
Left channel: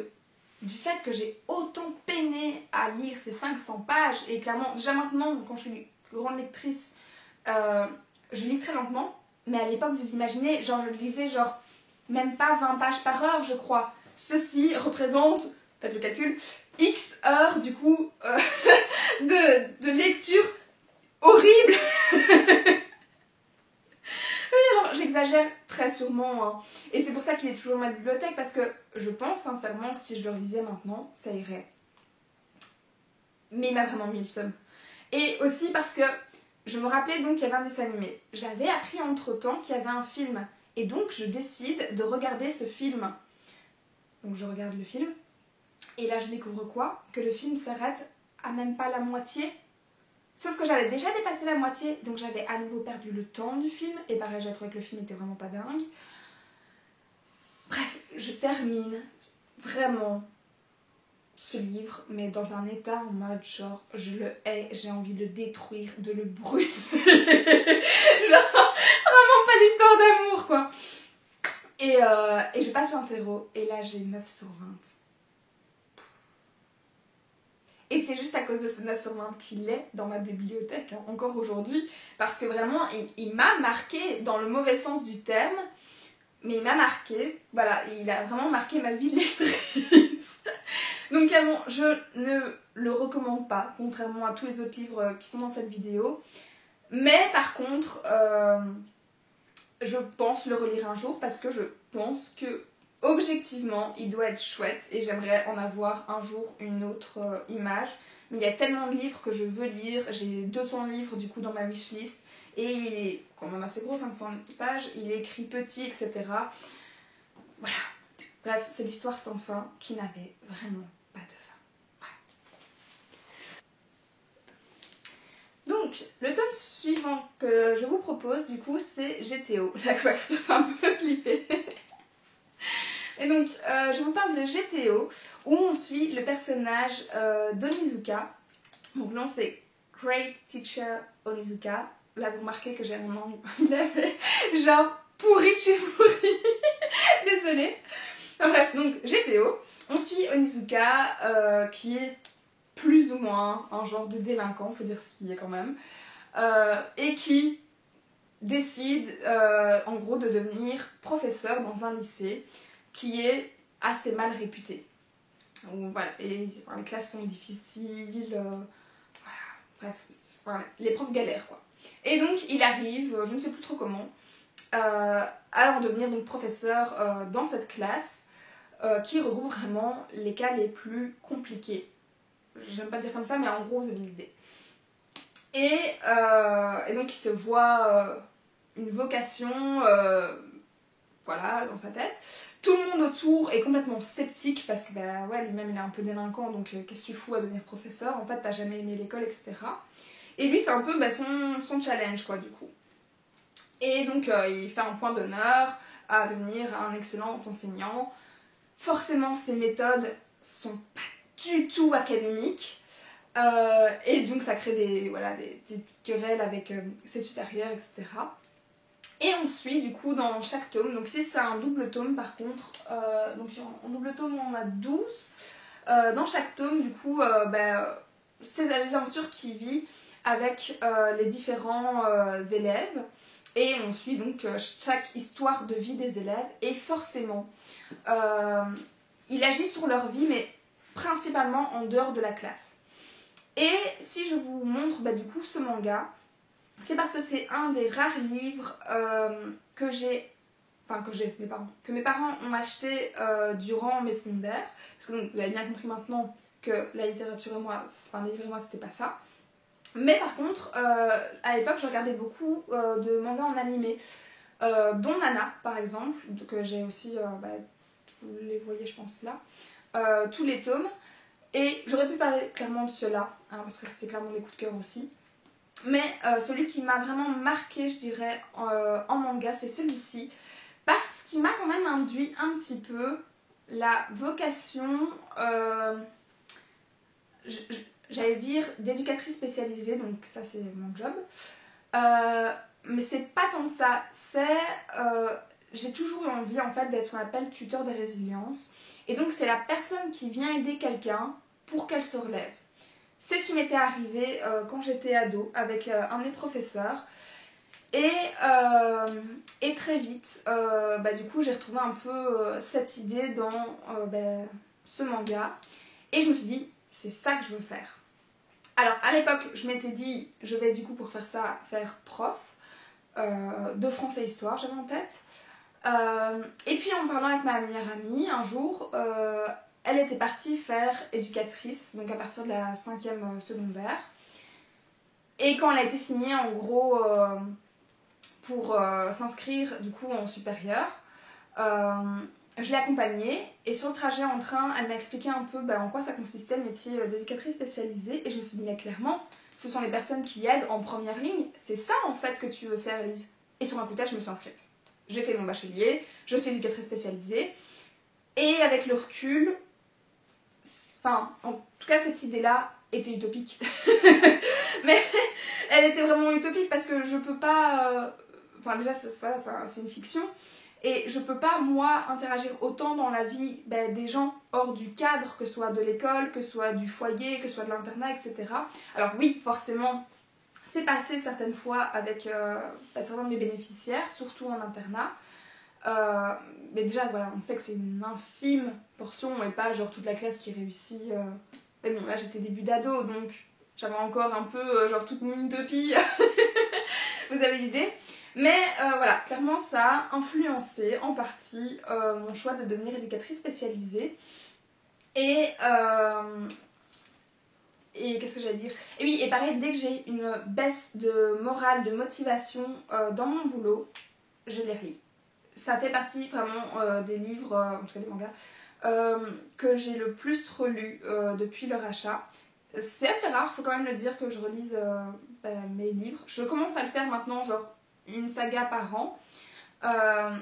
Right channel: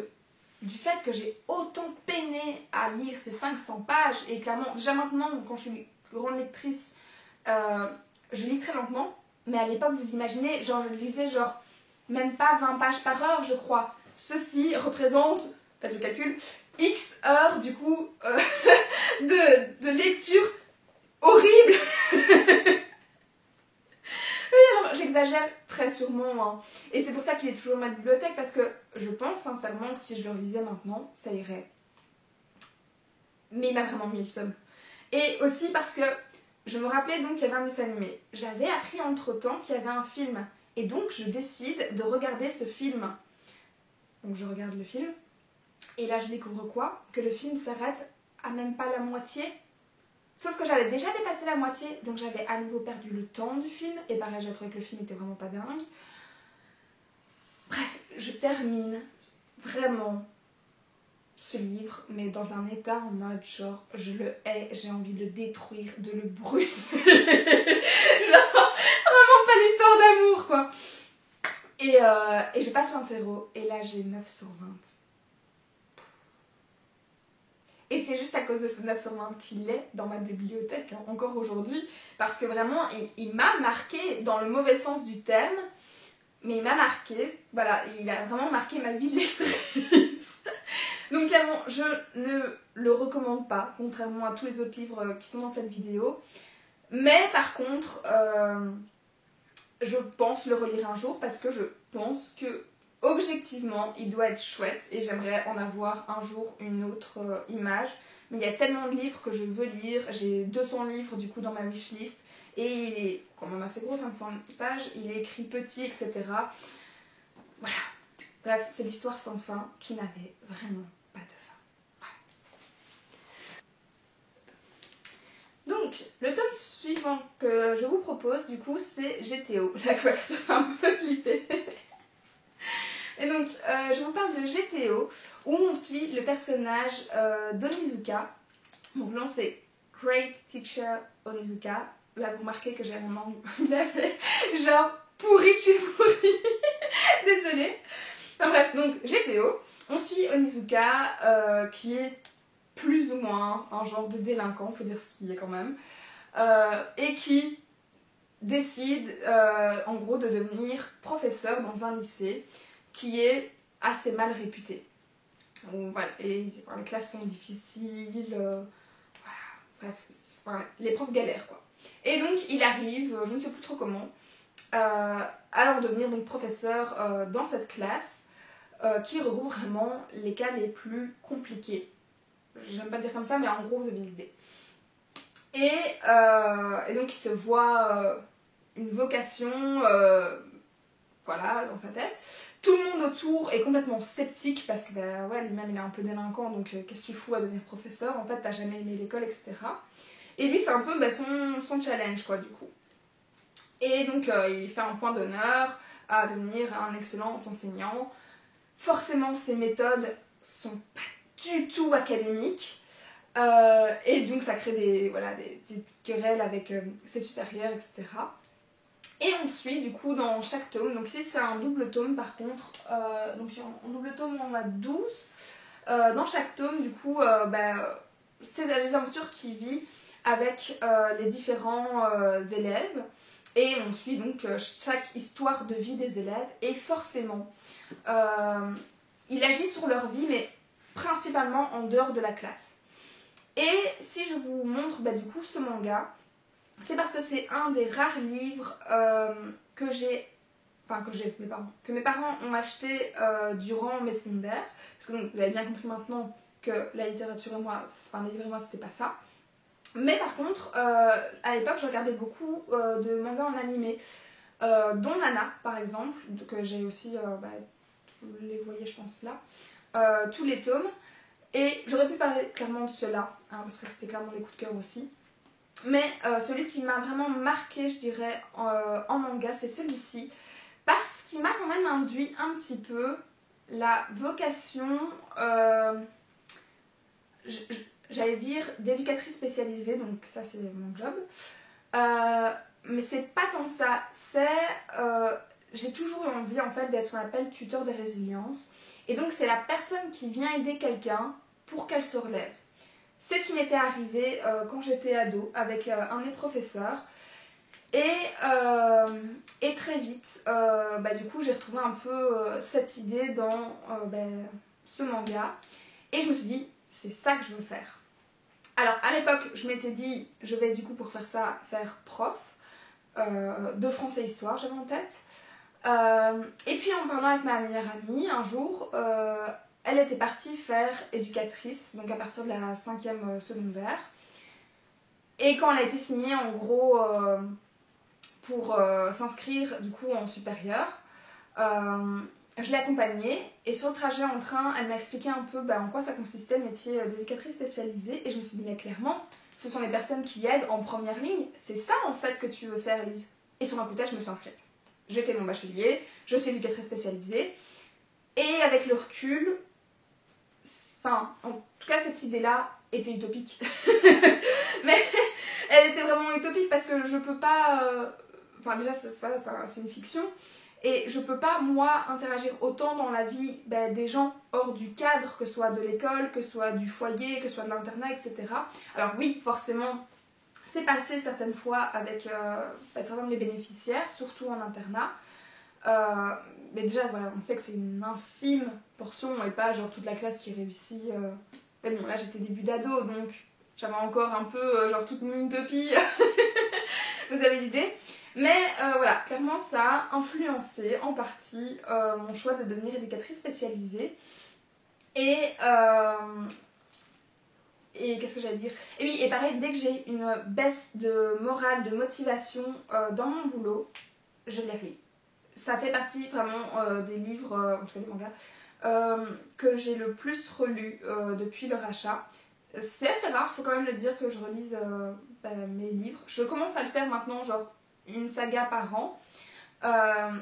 fait que j'ai autant peiné à lire ces 500 pages. Et clairement, déjà maintenant, quand je suis grande lectrice, je lis très lentement. Mais à l'époque, vous imaginez, genre, je lisais genre même pas 20 pages par heure, je crois. Ceci représente, faites le calcul, X heures du coup de lecture horrible. Alors, j'exagère très sûrement, hein. Et c'est pour ça qu'il est toujours dans ma bibliothèque, parce que je pense sincèrement que si je le relisais maintenant, ça irait. Mais il m'a vraiment mis le seum. Et aussi parce que je me rappelais donc qu'il y avait un dessin animé. J'avais appris entre-temps qu'il y avait un film. Et donc je décide de regarder ce film. Donc je regarde le film. Et là je découvre quoi? Que le film s'arrête à même pas la moitié. Sauf que j'avais déjà dépassé la moitié. Donc j'avais à nouveau perdu le temps du film. Et pareil, j'ai trouvé que le film était vraiment pas dingue. Bref, je termine vraiment ce livre, mais dans un état en mode genre, je le hais, j'ai envie de le détruire, de le brûler. Genre, vraiment pas l'histoire d'amour, quoi. Et je passe l'interro, et là j'ai 9 sur 20. Et c'est juste à cause de ce 9 sur 20 qu'il est dans ma bibliothèque, hein, encore aujourd'hui, parce que vraiment, il m'a marqué dans le mauvais sens du terme, mais il m'a marqué, voilà, il a vraiment marqué ma vie de lectrice. Donc clairement, je ne le recommande pas, contrairement à tous les autres livres qui sont dans cette vidéo. Mais par contre, je pense le relire un jour parce que je pense que objectivement, il doit être chouette et j'aimerais en avoir un jour une autre image. Mais il y a tellement de livres que je veux lire, j'ai 200 livres du coup dans ma wishlist et il est quand même assez gros, 500 pages, il est écrit petit, etc. Voilà. Bref, c'est l'histoire sans fin qui n'avait vraiment pas de fin. Voilà. Donc, le tome suivant que je vous propose, du coup, c'est GTO. La quoi qui te fait un peu flipper. Et donc, je vous parle de GTO, où on suit le personnage d'Onizuka. Donc là, c'est Great Teacher Onizuka. Là, vous remarquez que j'ai un nom genre pourri de chez pourri. Désolée. Enfin bref, donc GTO, on suit Onizuka qui est plus ou moins un genre de délinquant, faut dire ce qu'il est quand même, et qui décide en gros de devenir professeur dans un lycée qui est assez mal réputé. Donc, voilà, et enfin, les classes sont difficiles, voilà, bref, enfin, les profs galèrent quoi. Et donc il arrive, je ne sais plus trop comment, à en devenir donc professeur dans cette classe qui regroupe vraiment les cas les plus compliqués. J'aime pas le dire comme ça, mais en gros vous avez l'idée. Et donc il se voit une vocation voilà, dans sa tête. Tout le monde autour est complètement sceptique parce que bah, ouais, lui-même il est un peu délinquant, donc qu'est-ce que tu fous à devenir professeur? En fait, t'as jamais aimé l'école, etc. Et lui, c'est un peu bah, son challenge, quoi, du coup. Et donc, il fait un point d'honneur à devenir un excellent enseignant. Forcément, ses méthodes sont pas du tout académiques. Et donc, ça crée des petites querelles avec ses supérieurs, etc. Et on suit du coup dans chaque tome, donc si c'est un double tome par contre, donc en double tome on a 12, dans chaque tome du coup c'est les aventures qu'il vit avec les différents élèves Et on suit donc chaque histoire de vie des élèves. Et forcément, il agit sur leur vie, mais principalement en dehors de la classe. Et si je vous montre du coup ce manga, c'est parce que c'est un des rares livres que mes parents ont acheté durant mes secondaires. Parce que donc, vous avez bien compris maintenant que la littérature et moi, enfin les livres et moi, c'était pas ça. Mais par contre, à l'époque, je regardais beaucoup de mangas en animé, dont Nana, par exemple, que j'ai aussi, vous les voyez, je pense, là, tous les tomes. Et j'aurais pu parler clairement de ceux-là, hein, parce que c'était clairement des coups de cœur aussi. Mais celui qui m'a vraiment marqué, je dirais, en manga, c'est celui-ci. Parce qu'il m'a quand même induit un petit peu la vocation, j'allais dire, d'éducatrice spécialisée, donc ça c'est mon job. Mais c'est pas tant ça, j'ai toujours eu envie en fait d'être ce qu'on appelle tuteur de résilience. Et donc c'est la personne qui vient aider quelqu'un pour qu'elle se relève. C'est ce qui m'était arrivé quand j'étais ado avec un de mes professeurs. Et très vite, du coup, j'ai retrouvé un peu cette idée dans ce manga. Et je me suis dit, c'est ça que je veux faire. Alors, à l'époque, je m'étais dit, je vais du coup, pour faire ça, faire prof de français histoire, j'avais en tête. Et puis, en parlant avec ma meilleure amie, un jour, elle était partie faire éducatrice, donc à partir de la 5e secondaire. Et quand elle a été signée, en gros, pour s'inscrire du coup en supérieur, je l'ai accompagnée. Et sur le trajet en train, elle m'a expliqué un peu en quoi ça consistait, le métier d'éducatrice spécialisée. Et je me suis dit, mais clairement, ce sont les personnes qui aident en première ligne. C'est ça en fait que tu veux faire, Elise. Et sur un coup de tête, je me suis inscrite. J'ai fait mon bachelier, je suis éducatrice spécialisée. Et avec le recul, enfin, en tout cas, cette idée-là était utopique. Mais elle était vraiment utopique parce que je peux pas... Enfin, déjà, c'est une fiction. Et je peux pas, moi, interagir autant dans la vie des gens hors du cadre, que ce soit de l'école, que ce soit du foyer, que ce soit de l'internat, etc. Alors oui, forcément, c'est passé certaines fois avec certains de mes bénéficiaires, surtout en internat. Mais déjà, voilà, on sait que c'est une infime portion et pas genre toute la classe qui réussit. Mais bon, là, j'étais début d'ado, donc j'avais encore un peu genre toute mon utopie. Vous avez l'idée. Mais voilà, clairement, ça a influencé en partie mon choix de devenir éducatrice spécialisée. Et qu'est-ce que j'allais dire? Et oui, et pareil, dès que j'ai une baisse de morale, de motivation dans mon boulot, je les relis. Ça fait partie vraiment des livres, en tout cas des mangas, que j'ai le plus relus depuis leur achat. C'est assez rare, il faut quand même le dire, que je relise mes livres. Je commence à le faire maintenant, genre une saga par an,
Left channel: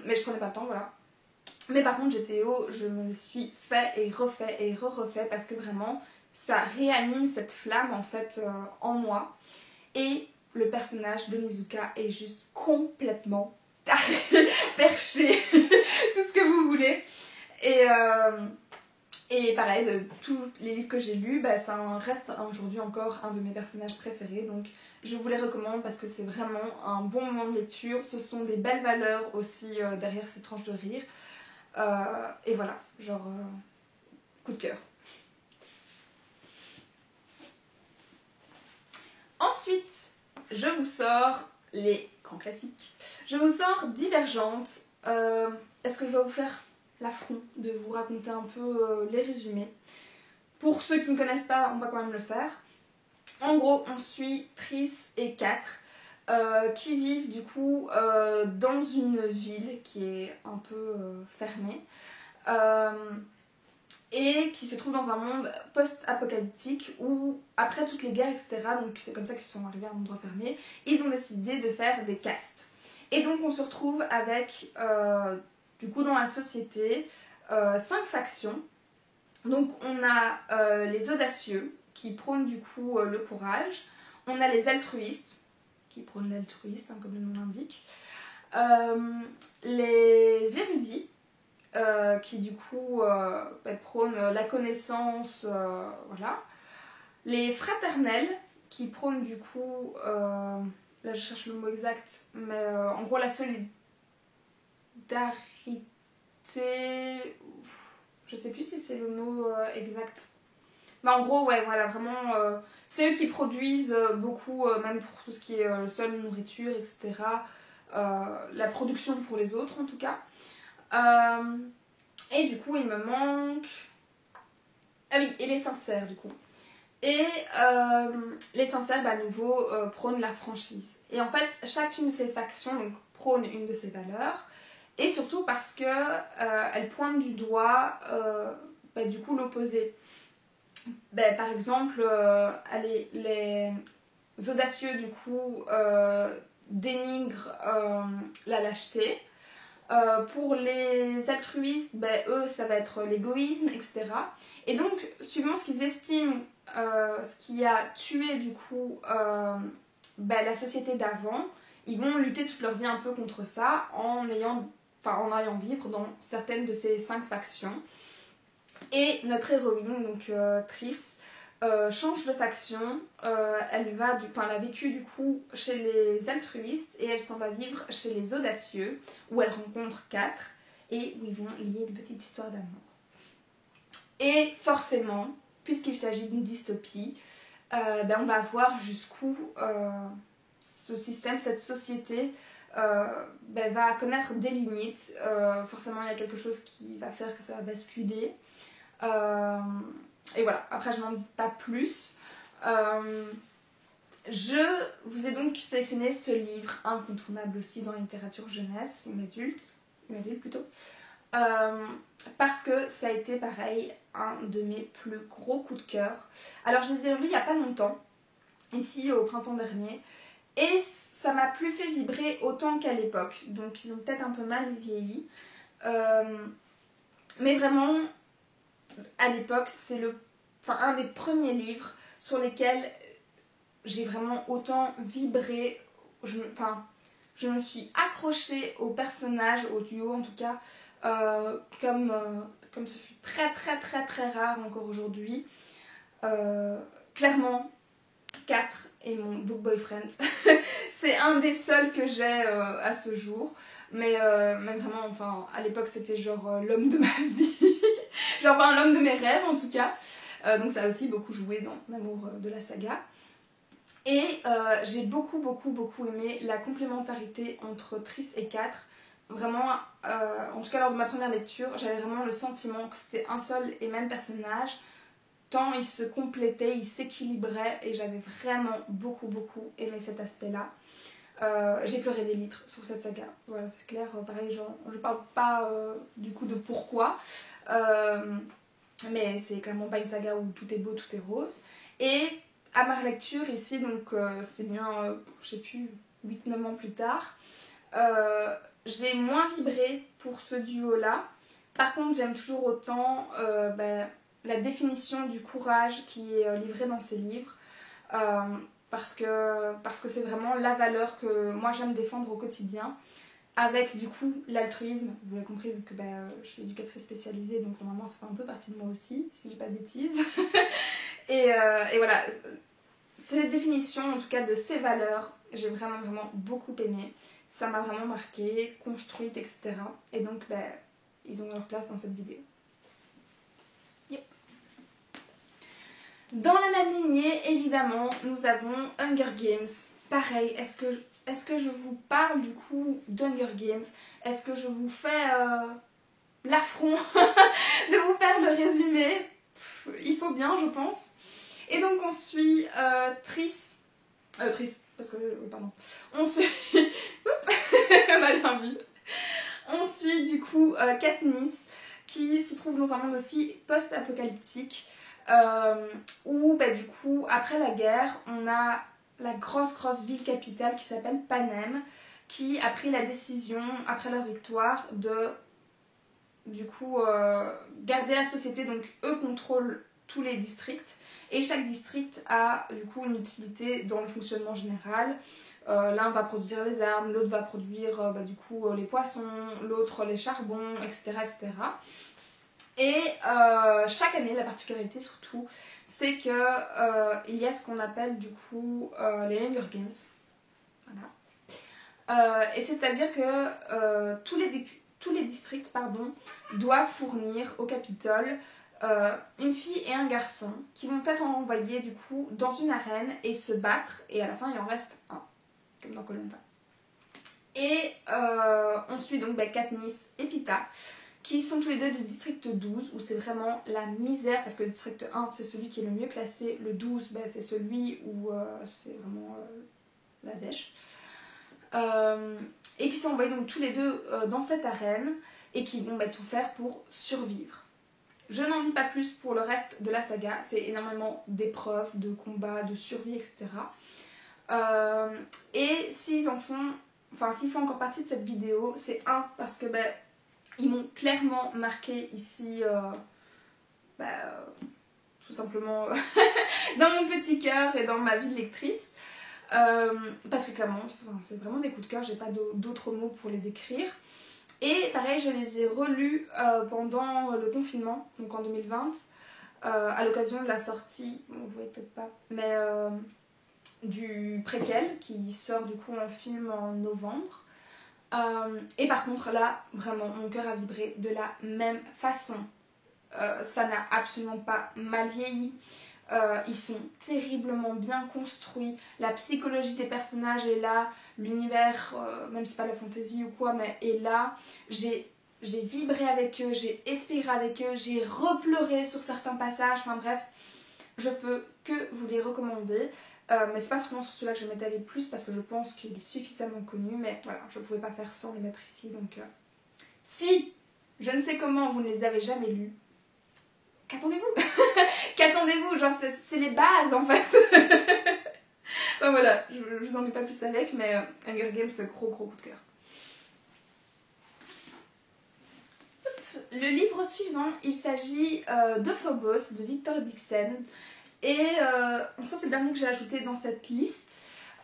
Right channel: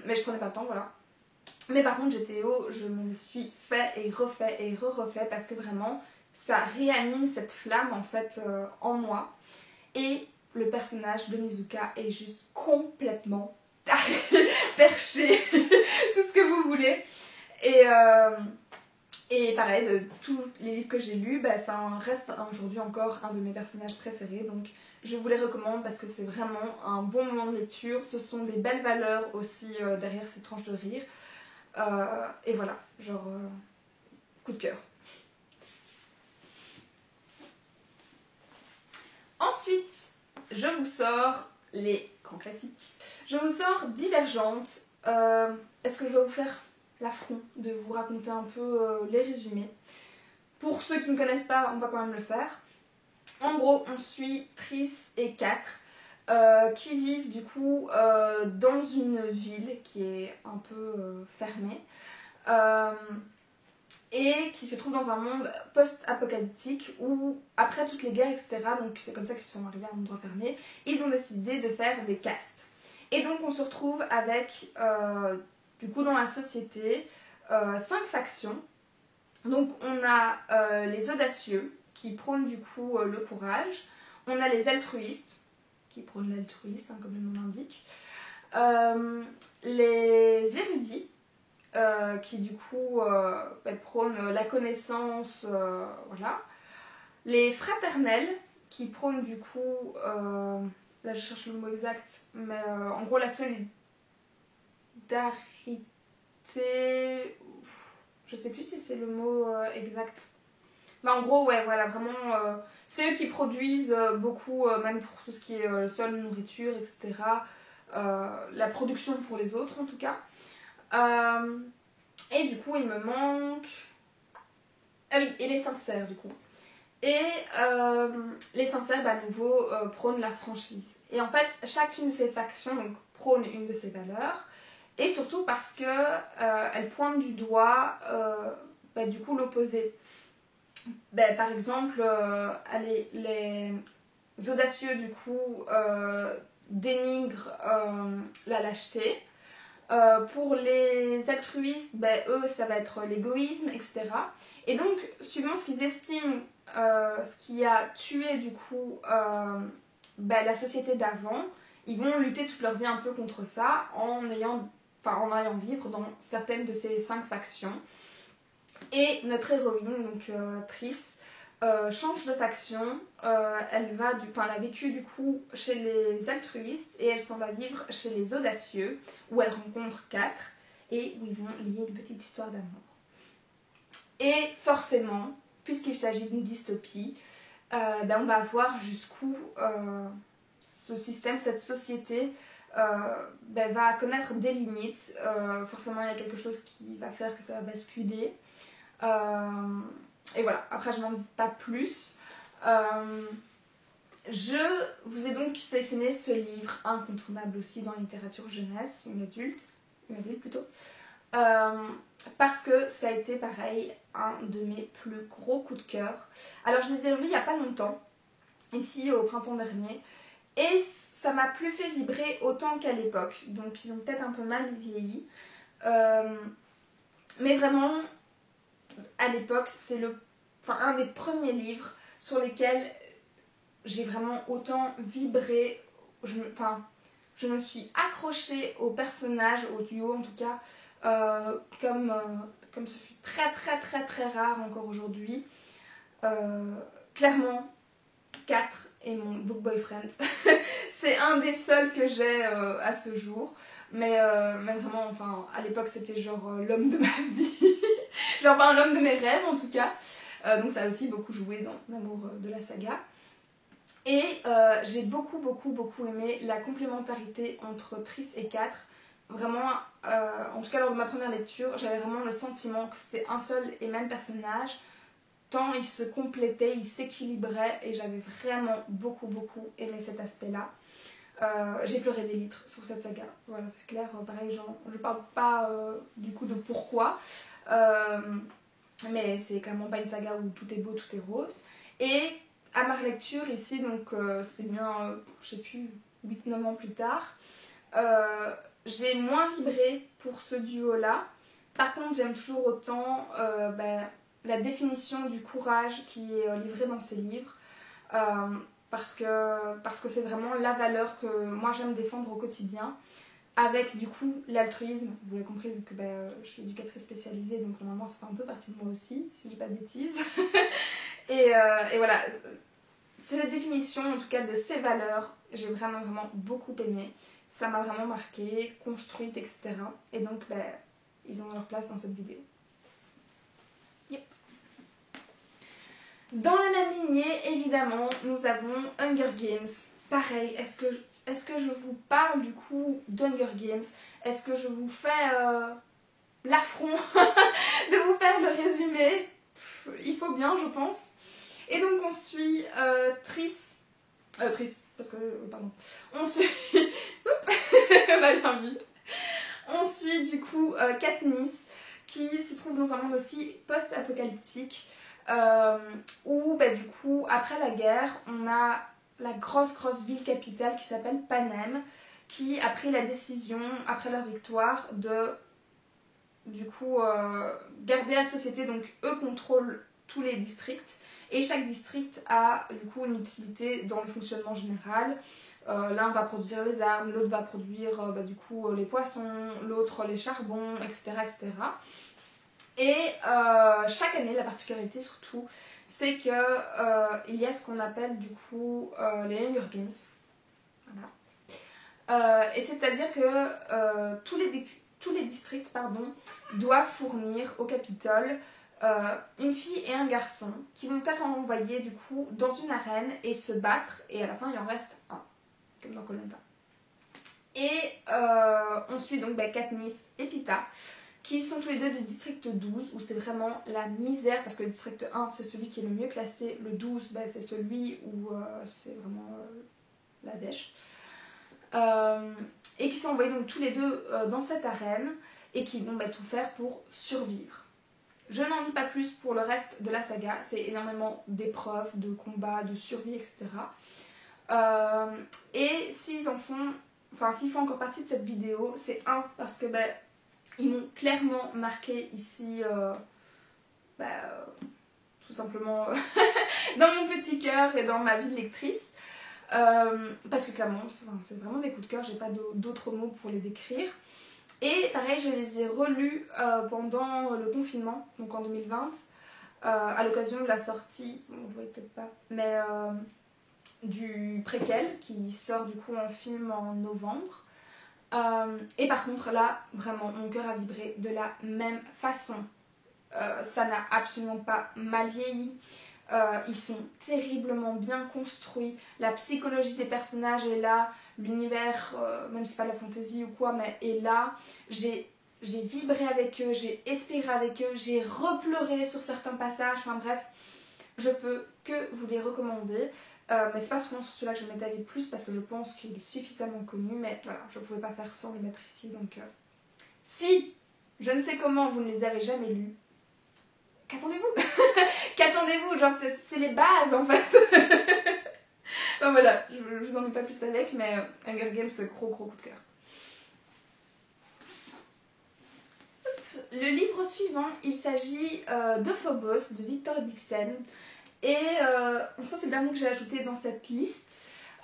mais je prenais pas le temps, voilà. Mais par contre, GTO, je me le suis fait et refait parce que vraiment, ça réanime cette flamme en fait en moi. Et le personnage de Mizuka est juste complètement perché, tout ce que vous voulez. Et pareil, de tous les livres que j'ai lus, ça reste aujourd'hui encore un de mes personnages préférés. Donc je vous les recommande parce que c'est vraiment un bon moment de lecture. Ce sont des belles valeurs aussi derrière ces tranches de rire. Et voilà, genre coup de cœur. Ensuite, je vous sors les grands classiques. Je vous sors Divergente. Est-ce que je dois vous faire l'affront de vous raconter un peu les résumés? Pour ceux qui ne connaissent pas, on va quand même le faire. En gros, on suit Triss et 4 qui vivent du coup dans une ville qui est un peu fermée et qui se trouve dans un monde post-apocalyptique où, après toutes les guerres, etc., donc c'est comme ça qu'ils sont arrivés à un endroit fermé, ils ont décidé de faire des castes. Et donc on se retrouve avec, du coup dans la société, 5 factions. Donc on a les audacieux, qui prônent du coup le courage. On a les altruistes, qui prônent l'altruisme, comme le nom l'indique. Les érudits, qui du coup prônent la connaissance, voilà. Les fraternels, qui prônent du coup là je cherche le mot exact, mais en gros la solidarité, je sais plus si c'est le mot exact. Mais en gros, ouais, voilà, vraiment, c'est eux qui produisent beaucoup, même pour tout ce qui est sol, nourriture, etc. La production pour les autres, en tout cas. Et du coup, il me manque... Ah oui, et les sincères, du coup. Et les sincères, à nouveau, prônent la franchise. Et en fait, chacune de ces factions donc, prône une de ces valeurs. Et surtout parce que elles pointent du doigt, du coup, l'opposé. Par exemple, allez, les audacieux, du coup, dénigrent la lâcheté. Pour les altruistes, eux, ça va être l'égoïsme, etc. Et donc, suivant ce qu'ils estiment, ce qui a tué, du coup, la société d'avant, ils vont lutter toute leur vie un peu contre ça en allant vivre dans certaines de ces 5 factions. Et notre héroïne, donc Triss, change de faction. Elle a vécu du coup chez les altruistes et elle s'en va vivre chez les audacieux où elle rencontre 4 et où ils vont lier une petite histoire d'amour. Et forcément, puisqu'il s'agit d'une dystopie, on va voir jusqu'où ce système, cette société va connaître des limites. Forcément, il y a quelque chose qui va faire que ça va basculer. Et voilà, après je n'en dis pas plus. Je vous ai donc sélectionné ce livre incontournable aussi dans la littérature jeunesse, une adulte plutôt, parce que ça a été pareil un de mes plus gros coups de cœur. Alors je les ai lus il n'y a pas longtemps, ici au printemps dernier, et ça m'a plus fait vibrer autant qu'à l'époque, donc ils ont peut-être un peu mal vieilli, mais vraiment à l'époque c'est un des premiers livres sur lesquels j'ai vraiment autant vibré. Je me suis accrochée au personnage, au duo en tout cas, comme ce fut très très très très rare encore aujourd'hui. Clairement, 4 est mon book boyfriend. C'est un des seuls que j'ai à ce jour. Mais vraiment, à l'époque c'était genre l'homme de ma vie. Genre l'homme de mes rêves en tout cas. Donc ça a aussi beaucoup joué dans l'amour de la saga. Et j'ai beaucoup aimé la complémentarité entre Triss et 4. Vraiment, en tout cas lors de ma première lecture, j'avais vraiment le sentiment que c'était un seul et même personnage. Tant ils se complétaient, ils s'équilibraient et j'avais vraiment beaucoup aimé cet aspect-là. J'ai pleuré des litres sur cette saga. Voilà, c'est clair. Pareil, je parle pas du coup de pourquoi. Mais c'est clairement pas une saga où tout est beau, tout est rose. Et à ma lecture ici, donc c'était bien, je sais plus, 8-9 ans plus tard, j'ai moins vibré pour ce duo-là. Par contre, j'aime toujours autant la définition du courage qui est livrée dans ces livres. Parce que c'est vraiment la valeur que moi j'aime défendre au quotidien. Avec du coup l'altruisme, vous l'avez compris vu que je suis éducatrice spécialisée, donc normalement ça fait un peu partie de moi aussi, si je dis pas de bêtises. et voilà, c'est la définition en tout cas de ces valeurs. J'ai vraiment beaucoup aimé. Ça m'a vraiment marqué, construite, etc. Et donc ils ont leur place dans cette vidéo. Yep. Dans la même lignée, évidemment, nous avons Hunger Games. Pareil, est-ce que je vous parle du coup d'Hunger Games? Est-ce que je vous fais l'affront de vous faire le résumé? Il faut bien, je pense. Et donc on suit Triss, parce que, pardon, on suit, on a bien vu, on suit du coup Katniss, qui se trouve dans un monde aussi post-apocalyptique, où du coup, après la guerre, on a la grosse ville capitale qui s'appelle Panem, qui a pris la décision, après leur victoire, de du coup garder la société. Donc eux contrôlent tous les districts et chaque district a du coup une utilité dans le fonctionnement général. L'un va produire les armes, l'autre va produire du coup les poissons, l'autre les charbons, etc. Et chaque année, la particularité surtout, c'est que il y a ce qu'on appelle du coup les Hunger Games. Voilà. Et c'est-à-dire que tous les districts doivent fournir au Capitole une fille et un garçon qui vont être envoyés du coup dans une arène et se battre, et à la fin il en reste un, comme dans Koh-Lanta. Et on suit donc Katniss et Peeta, qui sont tous les deux du district 12, où c'est vraiment la misère, parce que le district 1 c'est celui qui est le mieux classé, le 12 c'est celui où c'est vraiment la dèche. Et qui sont envoyés donc tous les deux dans cette arène, et qui vont tout faire pour survivre. Je n'en dis pas plus pour le reste de la saga, c'est énormément d'épreuves, de combats, de survie, etc. Et s'ils font encore partie de cette vidéo, c'est parce que ils m'ont clairement marqué ici, tout simplement dans mon petit cœur et dans ma vie de lectrice. Parce que clairement, c'est vraiment des coups de cœur, j'ai pas d'autres mots pour les décrire. Et pareil, je les ai relus pendant le confinement, donc en 2020, à l'occasion de la sortie, vous voyez peut-être pas, mais du préquel qui sort du coup en film en novembre. Et par contre là, vraiment, mon cœur a vibré de la même façon. Ça n'a absolument pas mal vieilli. Ils sont terriblement bien construits. La psychologie des personnages est là. L'univers, même si c'est pas de la fantaisie ou quoi, mais est là. J'ai vibré avec eux, j'ai espéré avec eux, j'ai repleuré sur certains passages. Enfin bref, je peux que vous les recommander. Mais c'est pas forcément sur cela que je vais m'étaler plus parce que je pense qu'il est suffisamment connu. Mais voilà, je pouvais pas faire sans le mettre ici. Donc, si je ne sais comment vous ne les avez jamais lus, qu'attendez-vous? Qu'attendez-vous? Genre, c'est les bases en fait. Enfin, voilà, je vous en ai pas plus avec, mais Hunger Games, gros coup de cœur. Le livre suivant, il s'agit de Phobos de Victor Dixon. Et ça, c'est le dernier que j'ai ajouté dans cette liste.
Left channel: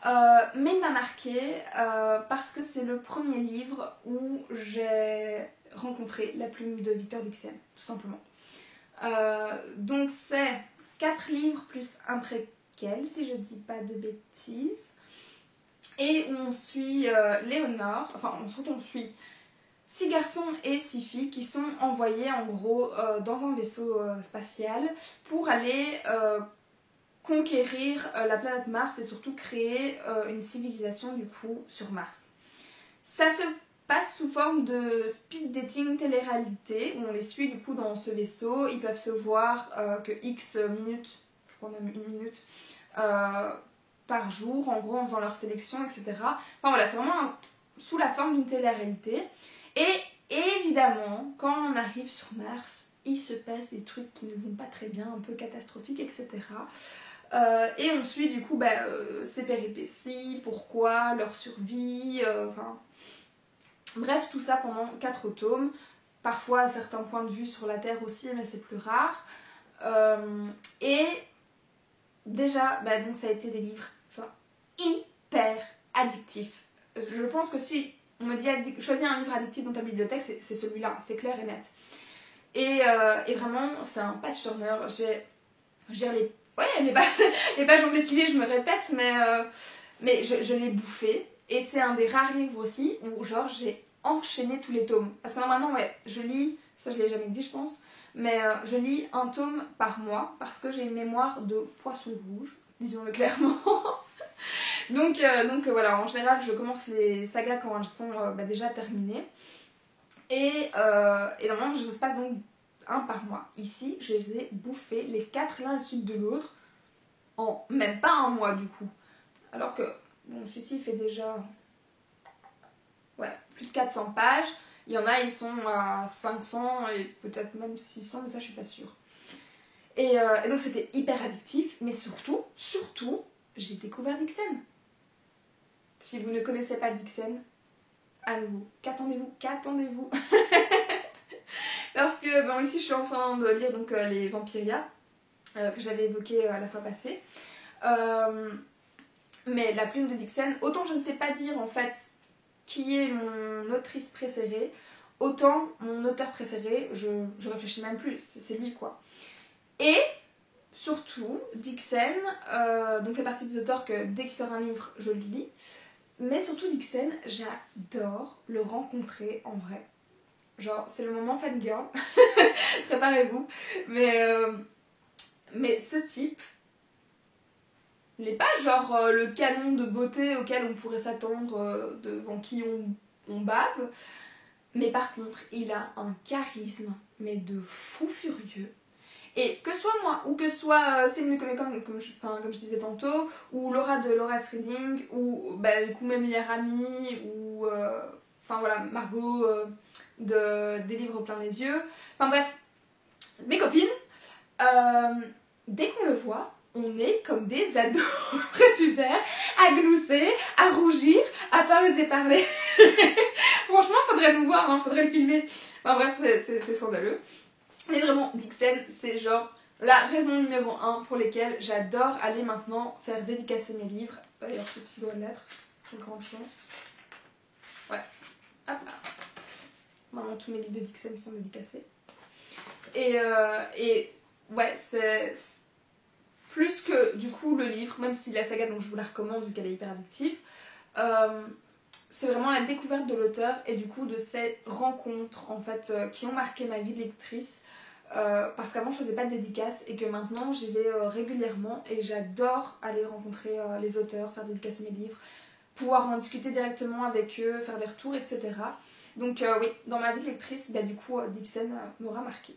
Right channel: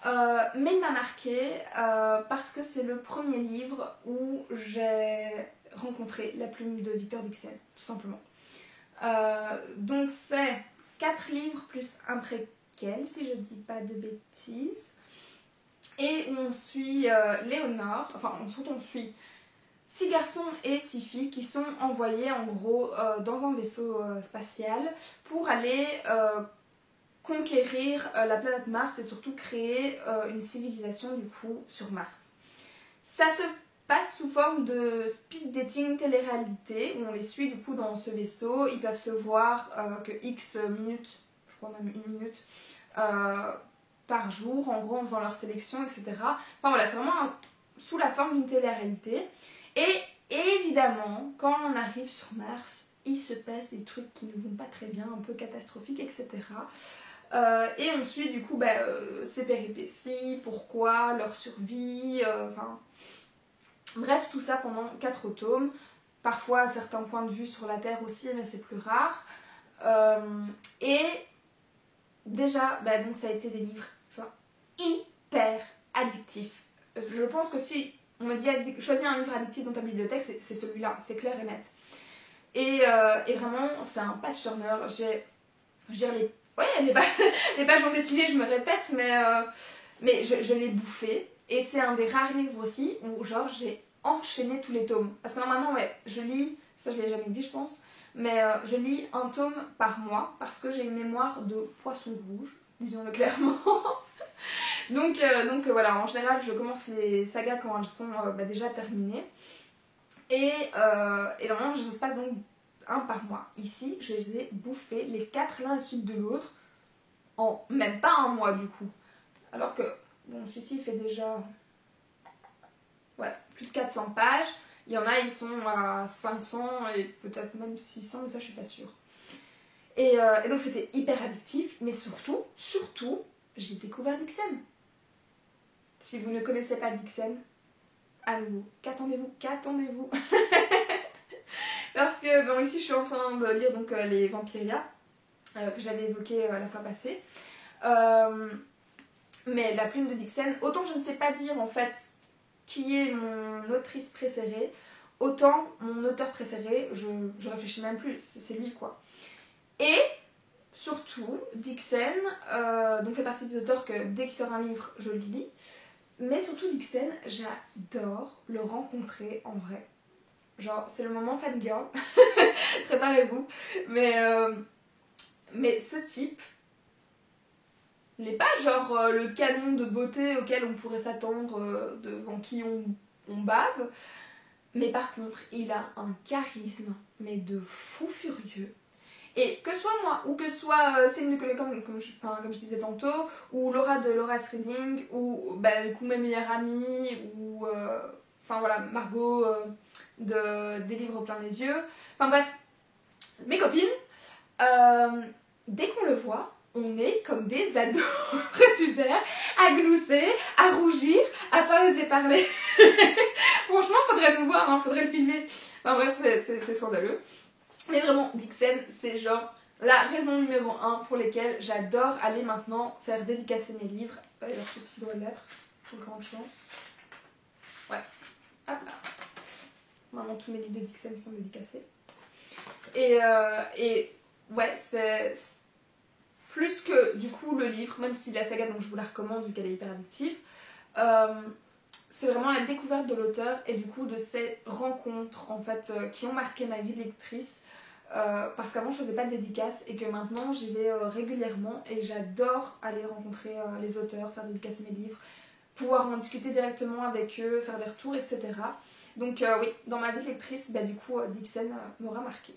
Mais il m'a marqué parce que c'est le premier livre où j'ai rencontré la plume de Victor Dixon, tout simplement. Donc c'est 4 livres plus un préquel, si je dis pas de bêtises. Et on suit Léonore, on suit 6 garçons et 6 filles qui sont envoyés en gros dans un vaisseau spatial pour aller conquérir la planète Mars et surtout créer une civilisation du coup sur Mars. Ça se passe sous forme de speed dating télé-réalité où on les suit du coup dans ce vaisseau. Ils peuvent se voir que X minutes, je crois même 1 minute par jour, en gros en faisant leur sélection, etc. Enfin voilà, c'est vraiment sous la forme d'une télé-réalité. Et évidemment, quand on arrive sur Mars, il se passe des trucs qui ne vont pas très bien, un peu catastrophiques, etc. Et on suit du coup ces péripéties, pourquoi, leur survie, bref, tout ça pendant 4 tomes. Parfois, à certains points de vue sur la Terre aussi, mais c'est plus rare. Et déjà, donc ça a été des livres genre, hyper addictifs. Je pense que si on me dit choisis un livre addictif dans ta bibliothèque, c'est celui-là, c'est clair et net. Et vraiment, c'est un page turner. Les pages ont défilé, je me répète, mais je l'ai bouffé. Et c'est un des rares livres aussi où genre j'ai enchaîné tous les tomes. Parce que normalement, je lis, ça je l'ai jamais dit je pense, mais je lis un tome par mois parce que j'ai une mémoire de poisson rouge, disons-le clairement. donc voilà, en général je commence les sagas quand elles sont déjà terminées. Et normalement je se passe donc un par mois. Ici, je les ai bouffés les 4 l'un à la suite de l'autre en même pas un mois du coup. Alors que, bon, celui-ci il fait déjà plus de 400 pages. Il y en a, ils sont à 500 et peut-être même 600, mais ça je suis pas sûre. Et donc c'était hyper addictif, mais surtout, j'ai découvert Dixon. Si vous ne connaissez pas Dixon, à nouveau, qu'attendez-vous Parce que, ici je suis en train de lire donc, les Vampiria, que j'avais évoqué la fois passée. Mais la plume de Dixon, autant je ne sais pas dire en fait qui est mon autrice préférée, autant mon auteur préféré, je réfléchis même plus, c'est lui quoi. Et surtout, Dixon donc fait partie des auteurs que dès qu'il sort un livre, je le lis. Mais surtout Dixon, j'adore le rencontrer en vrai. Genre, c'est le moment fangirl. Préparez-vous. Mais ce type, il n'est pas genre le canon de beauté auquel on pourrait s'attendre, devant qui on bave. Mais par contre, il a un charisme, mais de fou furieux. Et que soit moi, ou que soit Céline Nicolet, comme je disais tantôt, ou Laura de Laura's Reading, ou bah, du coup mes meilleures amies, ou enfin voilà, Margot des livres plein les yeux. Enfin bref, mes copines, dès qu'on le voit, on est comme des ados prépubères, à glousser, à rougir, à pas oser parler. Franchement, faudrait nous voir, hein, faudrait le filmer. Enfin bref, c'est scandaleux. Mais vraiment, Dixon, c'est genre la raison numéro 1 pour laquelle j'adore aller maintenant faire dédicacer mes livres. D'ailleurs, ceci doit l'être, pour grande chance. Ouais, hop là. Maintenant, tous mes livres de Dixon sont dédicacés. Et ouais, c'est plus que du coup le livre, même si la saga, donc je vous la recommande vu qu'elle est hyper addictive, c'est vraiment la découverte de l'auteur et du coup de ces rencontres en fait qui ont marqué ma vie de lectrice. Parce qu'avant je faisais pas de dédicaces et que maintenant j'y vais régulièrement et j'adore aller rencontrer les auteurs, faire dédicacer mes livres, pouvoir en discuter directement avec eux, faire des retours, etc. Donc oui, dans ma vie de lectrice, bah, du coup Dixon m'aura marqué.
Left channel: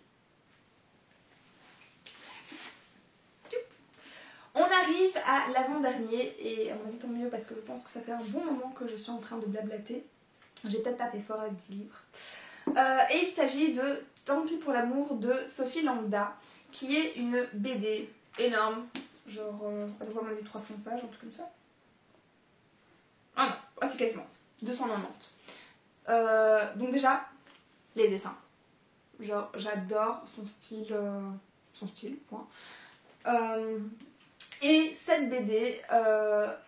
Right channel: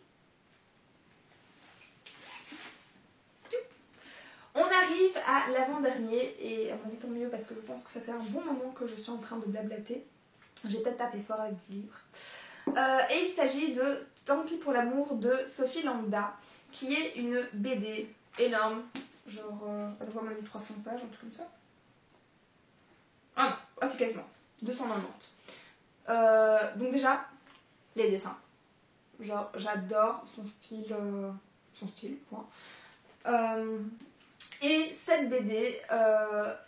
On arrive à l'avant-dernier et à mon avis tant mieux parce que je pense que ça fait un bon moment que je suis en train de blablater. J'ai peut-être tapé fort avec 10 livres. Et il s'agit de Tant pis pour l'amour de Sophie Lambda, qui est une BD énorme, genre, elle doit m'en dire 300 pages, un truc comme ça. Ah non, ah c'est quasiment, 290. Donc déjà, les dessins. Genre, j'adore son style, point. Et cette BD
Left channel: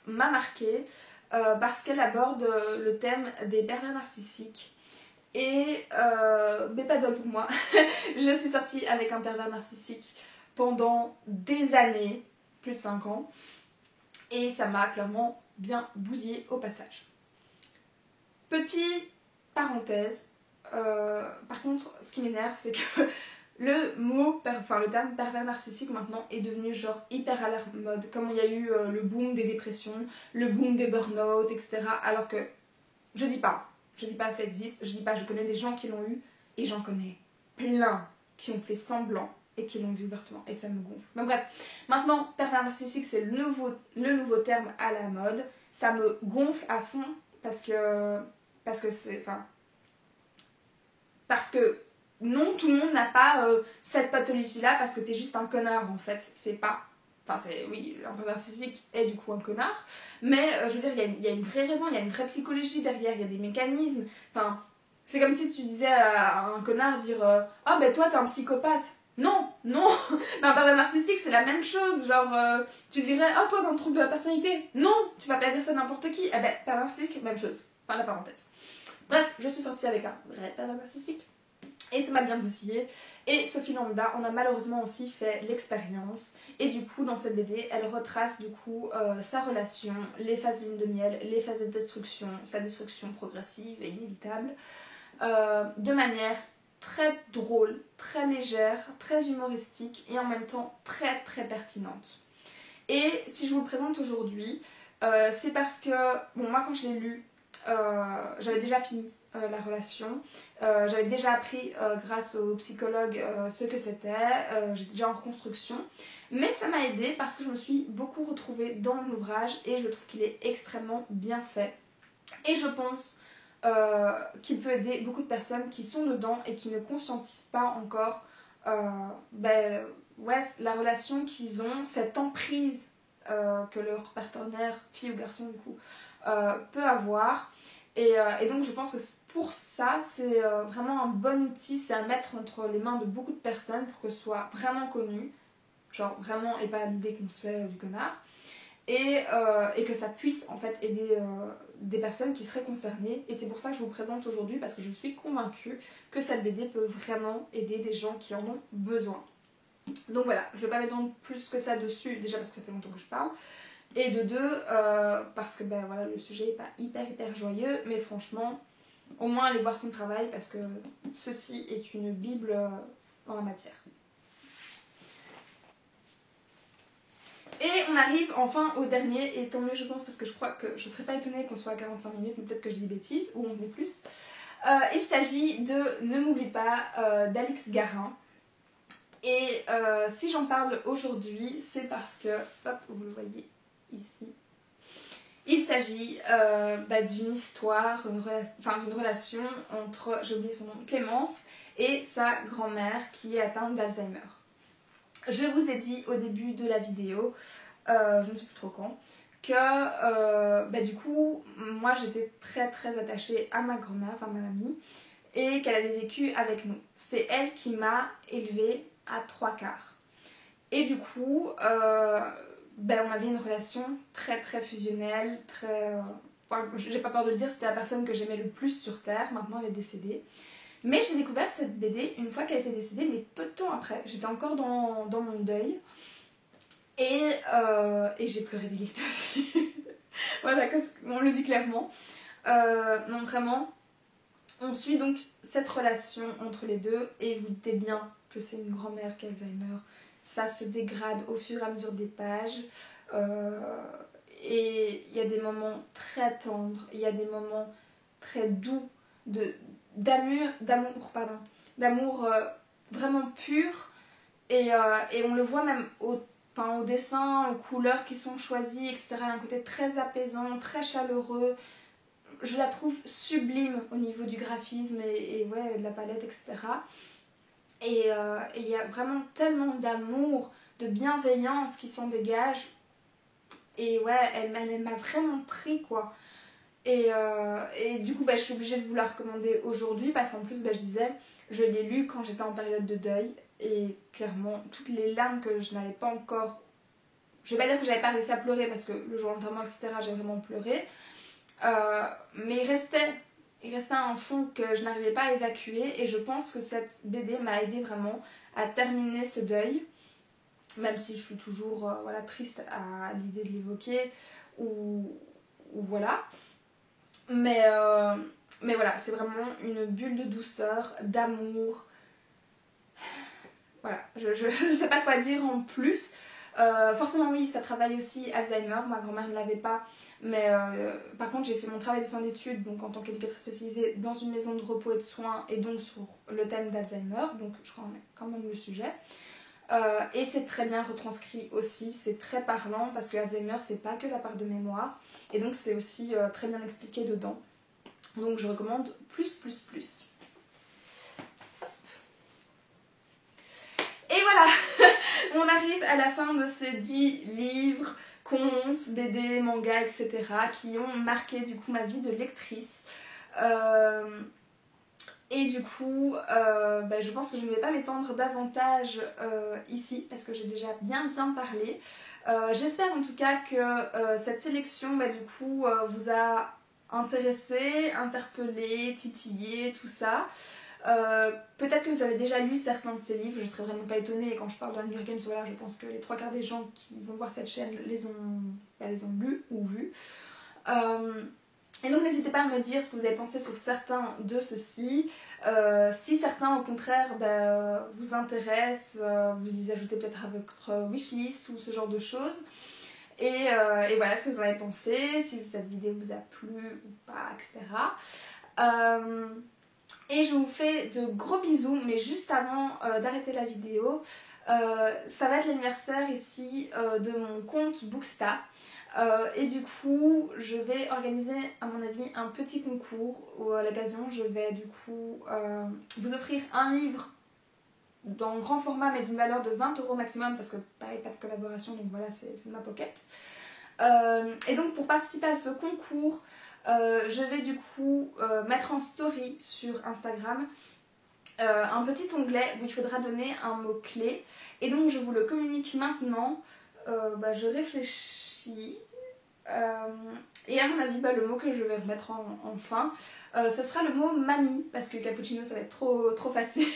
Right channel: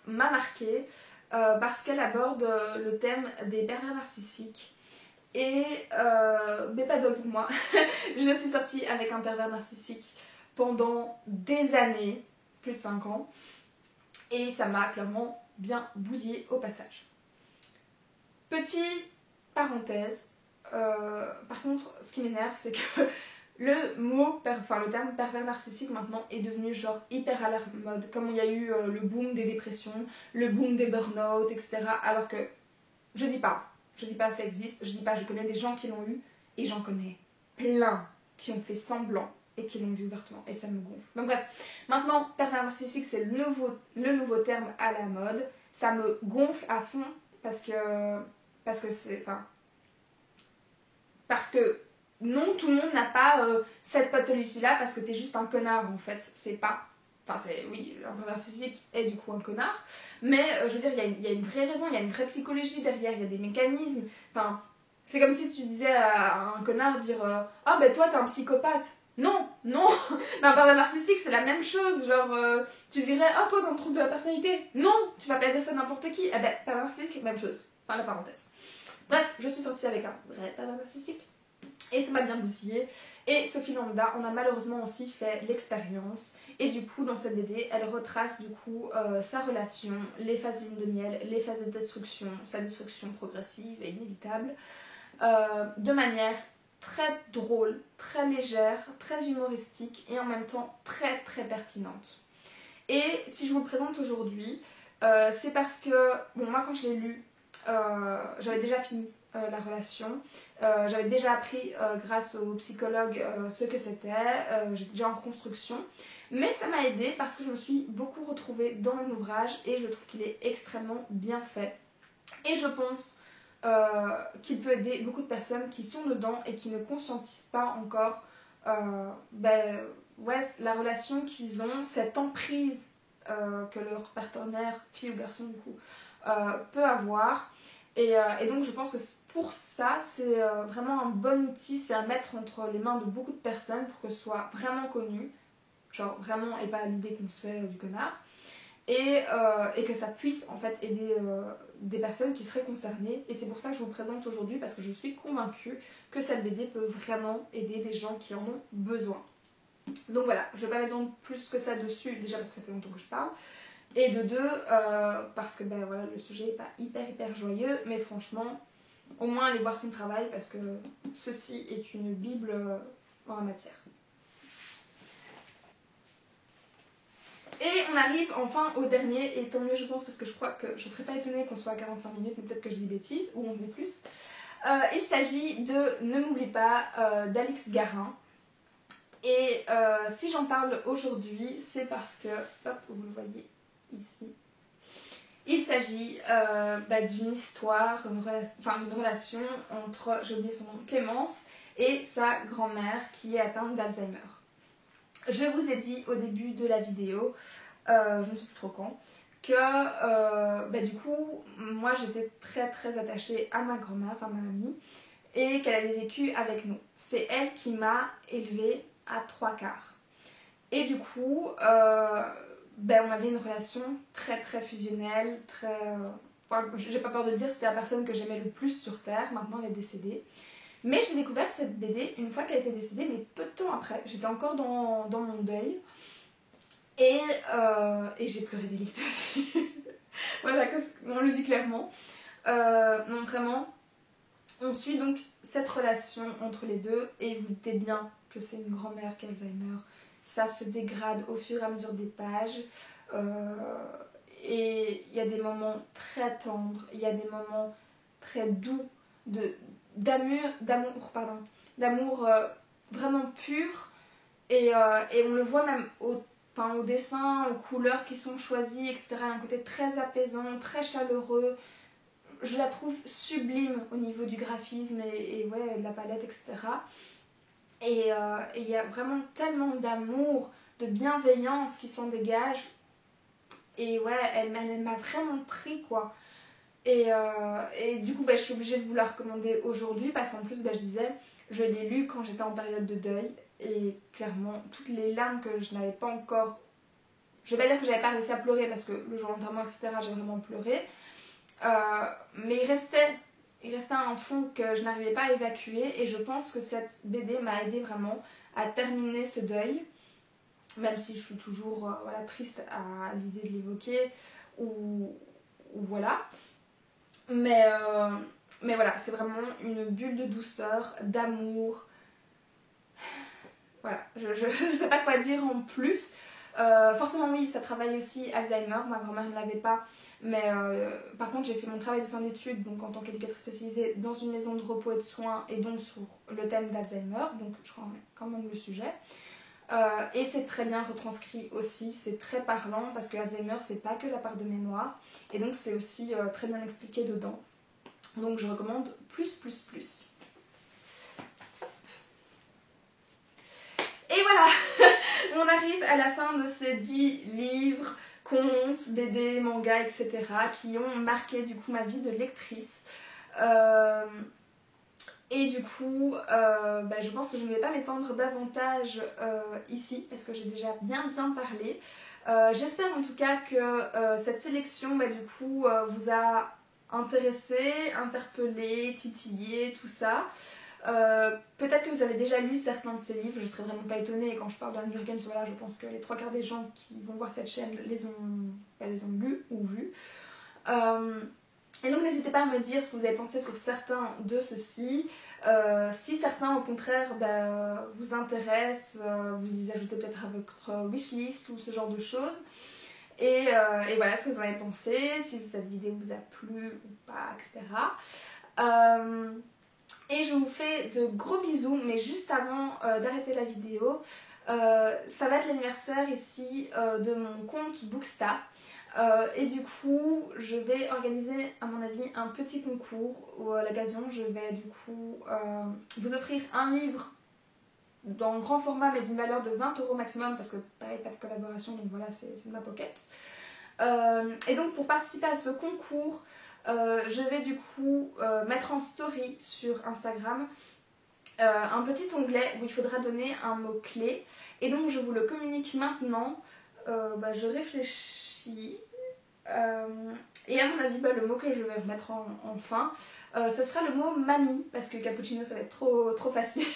m'a marquée parce qu'elle aborde le thème des pervers narcissiques. Et mais pas de pour moi. Je suis sortie avec un pervers narcissique pendant des années, plus de 5 ans. Et ça m'a clairement bien bousillée au passage. Petite parenthèse. Par contre, ce qui m'énerve, c'est que le terme pervers narcissique maintenant est devenu genre hyper à la mode. Comme il y a eu le boom des dépressions, le boom des burn-out, etc. Alors que je dis pas ça existe, je dis pas, je connais des gens qui l'ont eu et j'en connais plein qui ont fait semblant et qui l'ont dit ouvertement et ça me gonfle. Mais bref, maintenant pervers narcissique c'est le nouveau terme à la mode. Ça me gonfle à fond parce que non, tout le monde n'a pas cette pathologie-là parce que t'es juste un connard en fait. C'est pas. Enfin, oui, un peu narcissique est du coup un connard. Mais je veux dire, il y a une vraie raison, il y a une vraie psychologie derrière, il y a des mécanismes. Enfin, c'est comme si tu disais à un connard dire ah ben toi t'es un psychopathe. Non, non. Mais un pervers narcissique c'est la même chose. Genre, tu dirais ah toi t'as un trouble de la personnalité. Non, tu vas pas dire ça à n'importe qui. Eh ben, pervers narcissique, même chose. Fin la parenthèse. Bref, je suis sortie avec un vrai pervers narcissique. Et ça m'a bien bousillée. Et Sophie Lambda en a malheureusement aussi fait l'expérience. Et du coup, dans cette BD, elle retrace du coup sa relation, les phases de lune de miel, les phases de destruction, sa destruction progressive et inévitable, de manière très drôle, très légère, très humoristique et en même temps très très pertinente. Et si je vous le présente aujourd'hui, c'est parce que, bon, moi quand je l'ai lu, j'avais déjà fini la relation. J'avais déjà appris grâce au psychologue ce que c'était. J'étais déjà en reconstruction. Mais ça m'a aidée parce que je me suis beaucoup retrouvée dans l'ouvrage et je trouve qu'il est extrêmement bien fait. Et je pense qu'il peut aider beaucoup de personnes qui sont dedans et qui ne conscientisent pas encore la relation qu'ils ont, cette emprise que leur partenaire, fille ou garçon du coup, peut avoir. Et donc je pense que pour ça, c'est vraiment un bon outil, c'est à mettre entre les mains de beaucoup de personnes pour que ce soit vraiment connu, genre vraiment et pas l'idée qu'on se fait du connard, et que ça puisse en fait aider des personnes qui seraient concernées. Et c'est pour ça que je vous présente aujourd'hui parce que je suis convaincue que cette BD peut vraiment aider des gens qui en ont besoin. Donc voilà, je ne vais pas mettre plus que ça dessus, déjà parce que ça fait longtemps que je parle. Et de deux, parce que ben, voilà, le sujet n'est pas hyper joyeux, mais franchement, au moins allez voir son travail parce que ceci est une bible en la matière. Et on arrive enfin au dernier, et tant mieux je pense parce que je crois que je ne serais pas étonnée qu'on soit à 45 minutes, mais peut-être que je dis bêtises, ou on dit plus. Il s'agit de Ne m'oublie pas d'Alix Garin. Et si j'en parle aujourd'hui, c'est parce que, hop, vous le voyez ici, il s'agit d'une histoire, d'une relation entre, j'ai oublié son nom, Clémence et sa grand-mère qui est atteinte d'Alzheimer. Je vous ai dit au début de la vidéo, je ne sais plus trop quand, que du coup, moi j'étais très attachée à ma grand-mère, enfin ma mamie, et qu'elle avait vécu avec nous. C'est elle qui m'a élevée à 3/4. Et du coup, on avait une relation très fusionnelle, j'ai pas peur de dire, c'était la personne que j'aimais le plus sur Terre, maintenant elle est décédée. Mais j'ai découvert cette BD une fois qu'elle était décédée, mais peu de temps après. J'étais encore dans mon deuil. Et j'ai pleuré des litres dessus. Voilà, on le dit clairement. Non, vraiment, on suit donc cette relation entre les deux. Et vous doutez bien que c'est une grand-mère qui a Alzheimer. Ça se dégrade au fur et à mesure des pages. Et il y a des moments très tendres. Il y a des moments très doux d'amour vraiment pur, et on le voit même au dessin, aux couleurs qui sont choisies, etc. Un côté très apaisant, très chaleureux. Je la trouve sublime au niveau du graphisme et ouais, de la palette, etc. Et il y a vraiment tellement d'amour, de bienveillance qui s'en dégage. Et ouais, elle m'a vraiment pris, quoi. Et du coup, je suis obligée de vous la recommander aujourd'hui parce qu'en plus, je disais, je l'ai lu quand j'étais en période de deuil et clairement, toutes les larmes que je n'avais pas encore... Je vais pas dire que j'avais pas réussi à pleurer parce que le jour d'enterrement, etc., j'ai vraiment pleuré. Mais il restait un fond que je n'arrivais pas à évacuer et je pense que cette BD m'a aidé vraiment à terminer ce deuil, même si je suis toujours triste à l'idée de l'évoquer ou voilà. Mais voilà, c'est vraiment une bulle de douceur, d'amour. Voilà, je ne sais pas quoi dire en plus. Forcément oui, ça travaille aussi Alzheimer, ma grand-mère ne l'avait pas. Mais par contre, j'ai fait mon travail de fin d'études, donc en tant qu'éducatrice spécialisée dans une maison de repos et de soins, et donc sur le thème d'Alzheimer, donc je crois quand même le sujet. Et c'est très bien retranscrit aussi, c'est très parlant parce que Alzheimer c'est pas que la part de mémoire, et donc c'est aussi très bien expliqué dedans. Donc je recommande plus. Et voilà, on arrive à la fin de ces 10 livres, contes, BD, mangas, etc. qui ont marqué du coup ma vie de lectrice. Et du coup, je pense que je ne vais pas m'étendre davantage ici parce que j'ai déjà bien parlé. J'espère en tout cas que cette sélection du coup vous a intéressé, interpellé, titillé, tout ça. Peut-être que vous avez déjà lu certains de ces livres, je ne serais vraiment pas étonnée. Et quand je parle d'Hunger Games, voilà, je pense que les 3/4 des gens qui vont voir cette chaîne les ont lus ou vus. Et donc n'hésitez pas à me dire ce que vous avez pensé sur certains de ceux-ci. Si certains au contraire vous intéressent, vous les ajoutez peut-être à votre wishlist ou ce genre de choses. Et voilà ce que vous en avez pensé, si cette vidéo vous a plu ou pas, etc. Et je vous fais de gros bisous, mais juste avant d'arrêter la vidéo, ça va être l'anniversaire ici de mon compte Booksta. Et du coup, je vais organiser à mon avis un petit concours où à l'occasion je vais du coup vous offrir un livre dans grand format mais d'une valeur de 20 € maximum parce que pareil, pas de collaboration, donc voilà, c'est ma pocket. Et donc pour participer à ce concours, je vais du coup mettre en story sur Instagram un petit onglet où il faudra donner un mot-clé. Et donc je vous le communique maintenant. Je réfléchis. Et à mon avis, le mot que je vais mettre en fin, ce sera le mot mamie, parce que cappuccino ça va être trop facile.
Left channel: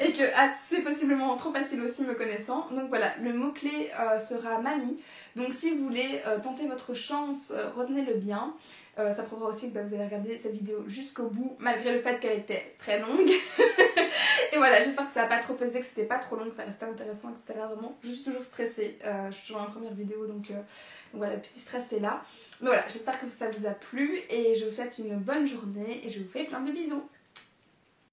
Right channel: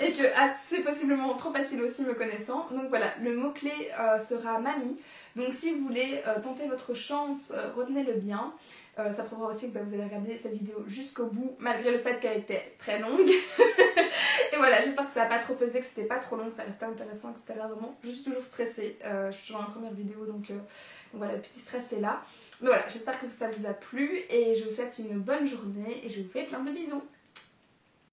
et que c'est possiblement trop facile aussi me connaissant. Donc voilà, le mot-clé sera mamie. Donc si vous voulez tenter votre chance, retenez-le bien. Ça prouvera aussi que vous avez regardé cette vidéo jusqu'au bout, malgré le fait qu'elle était très longue. Et voilà, j'espère que ça n'a pas trop pesé, que c'était pas trop long, que ça restait intéressant, etc. Vraiment, je suis toujours stressée. Je suis toujours en première vidéo, donc voilà, le petit stress est là. Mais voilà, j'espère que ça vous a plu et je vous souhaite une bonne journée et je vous fais plein de bisous.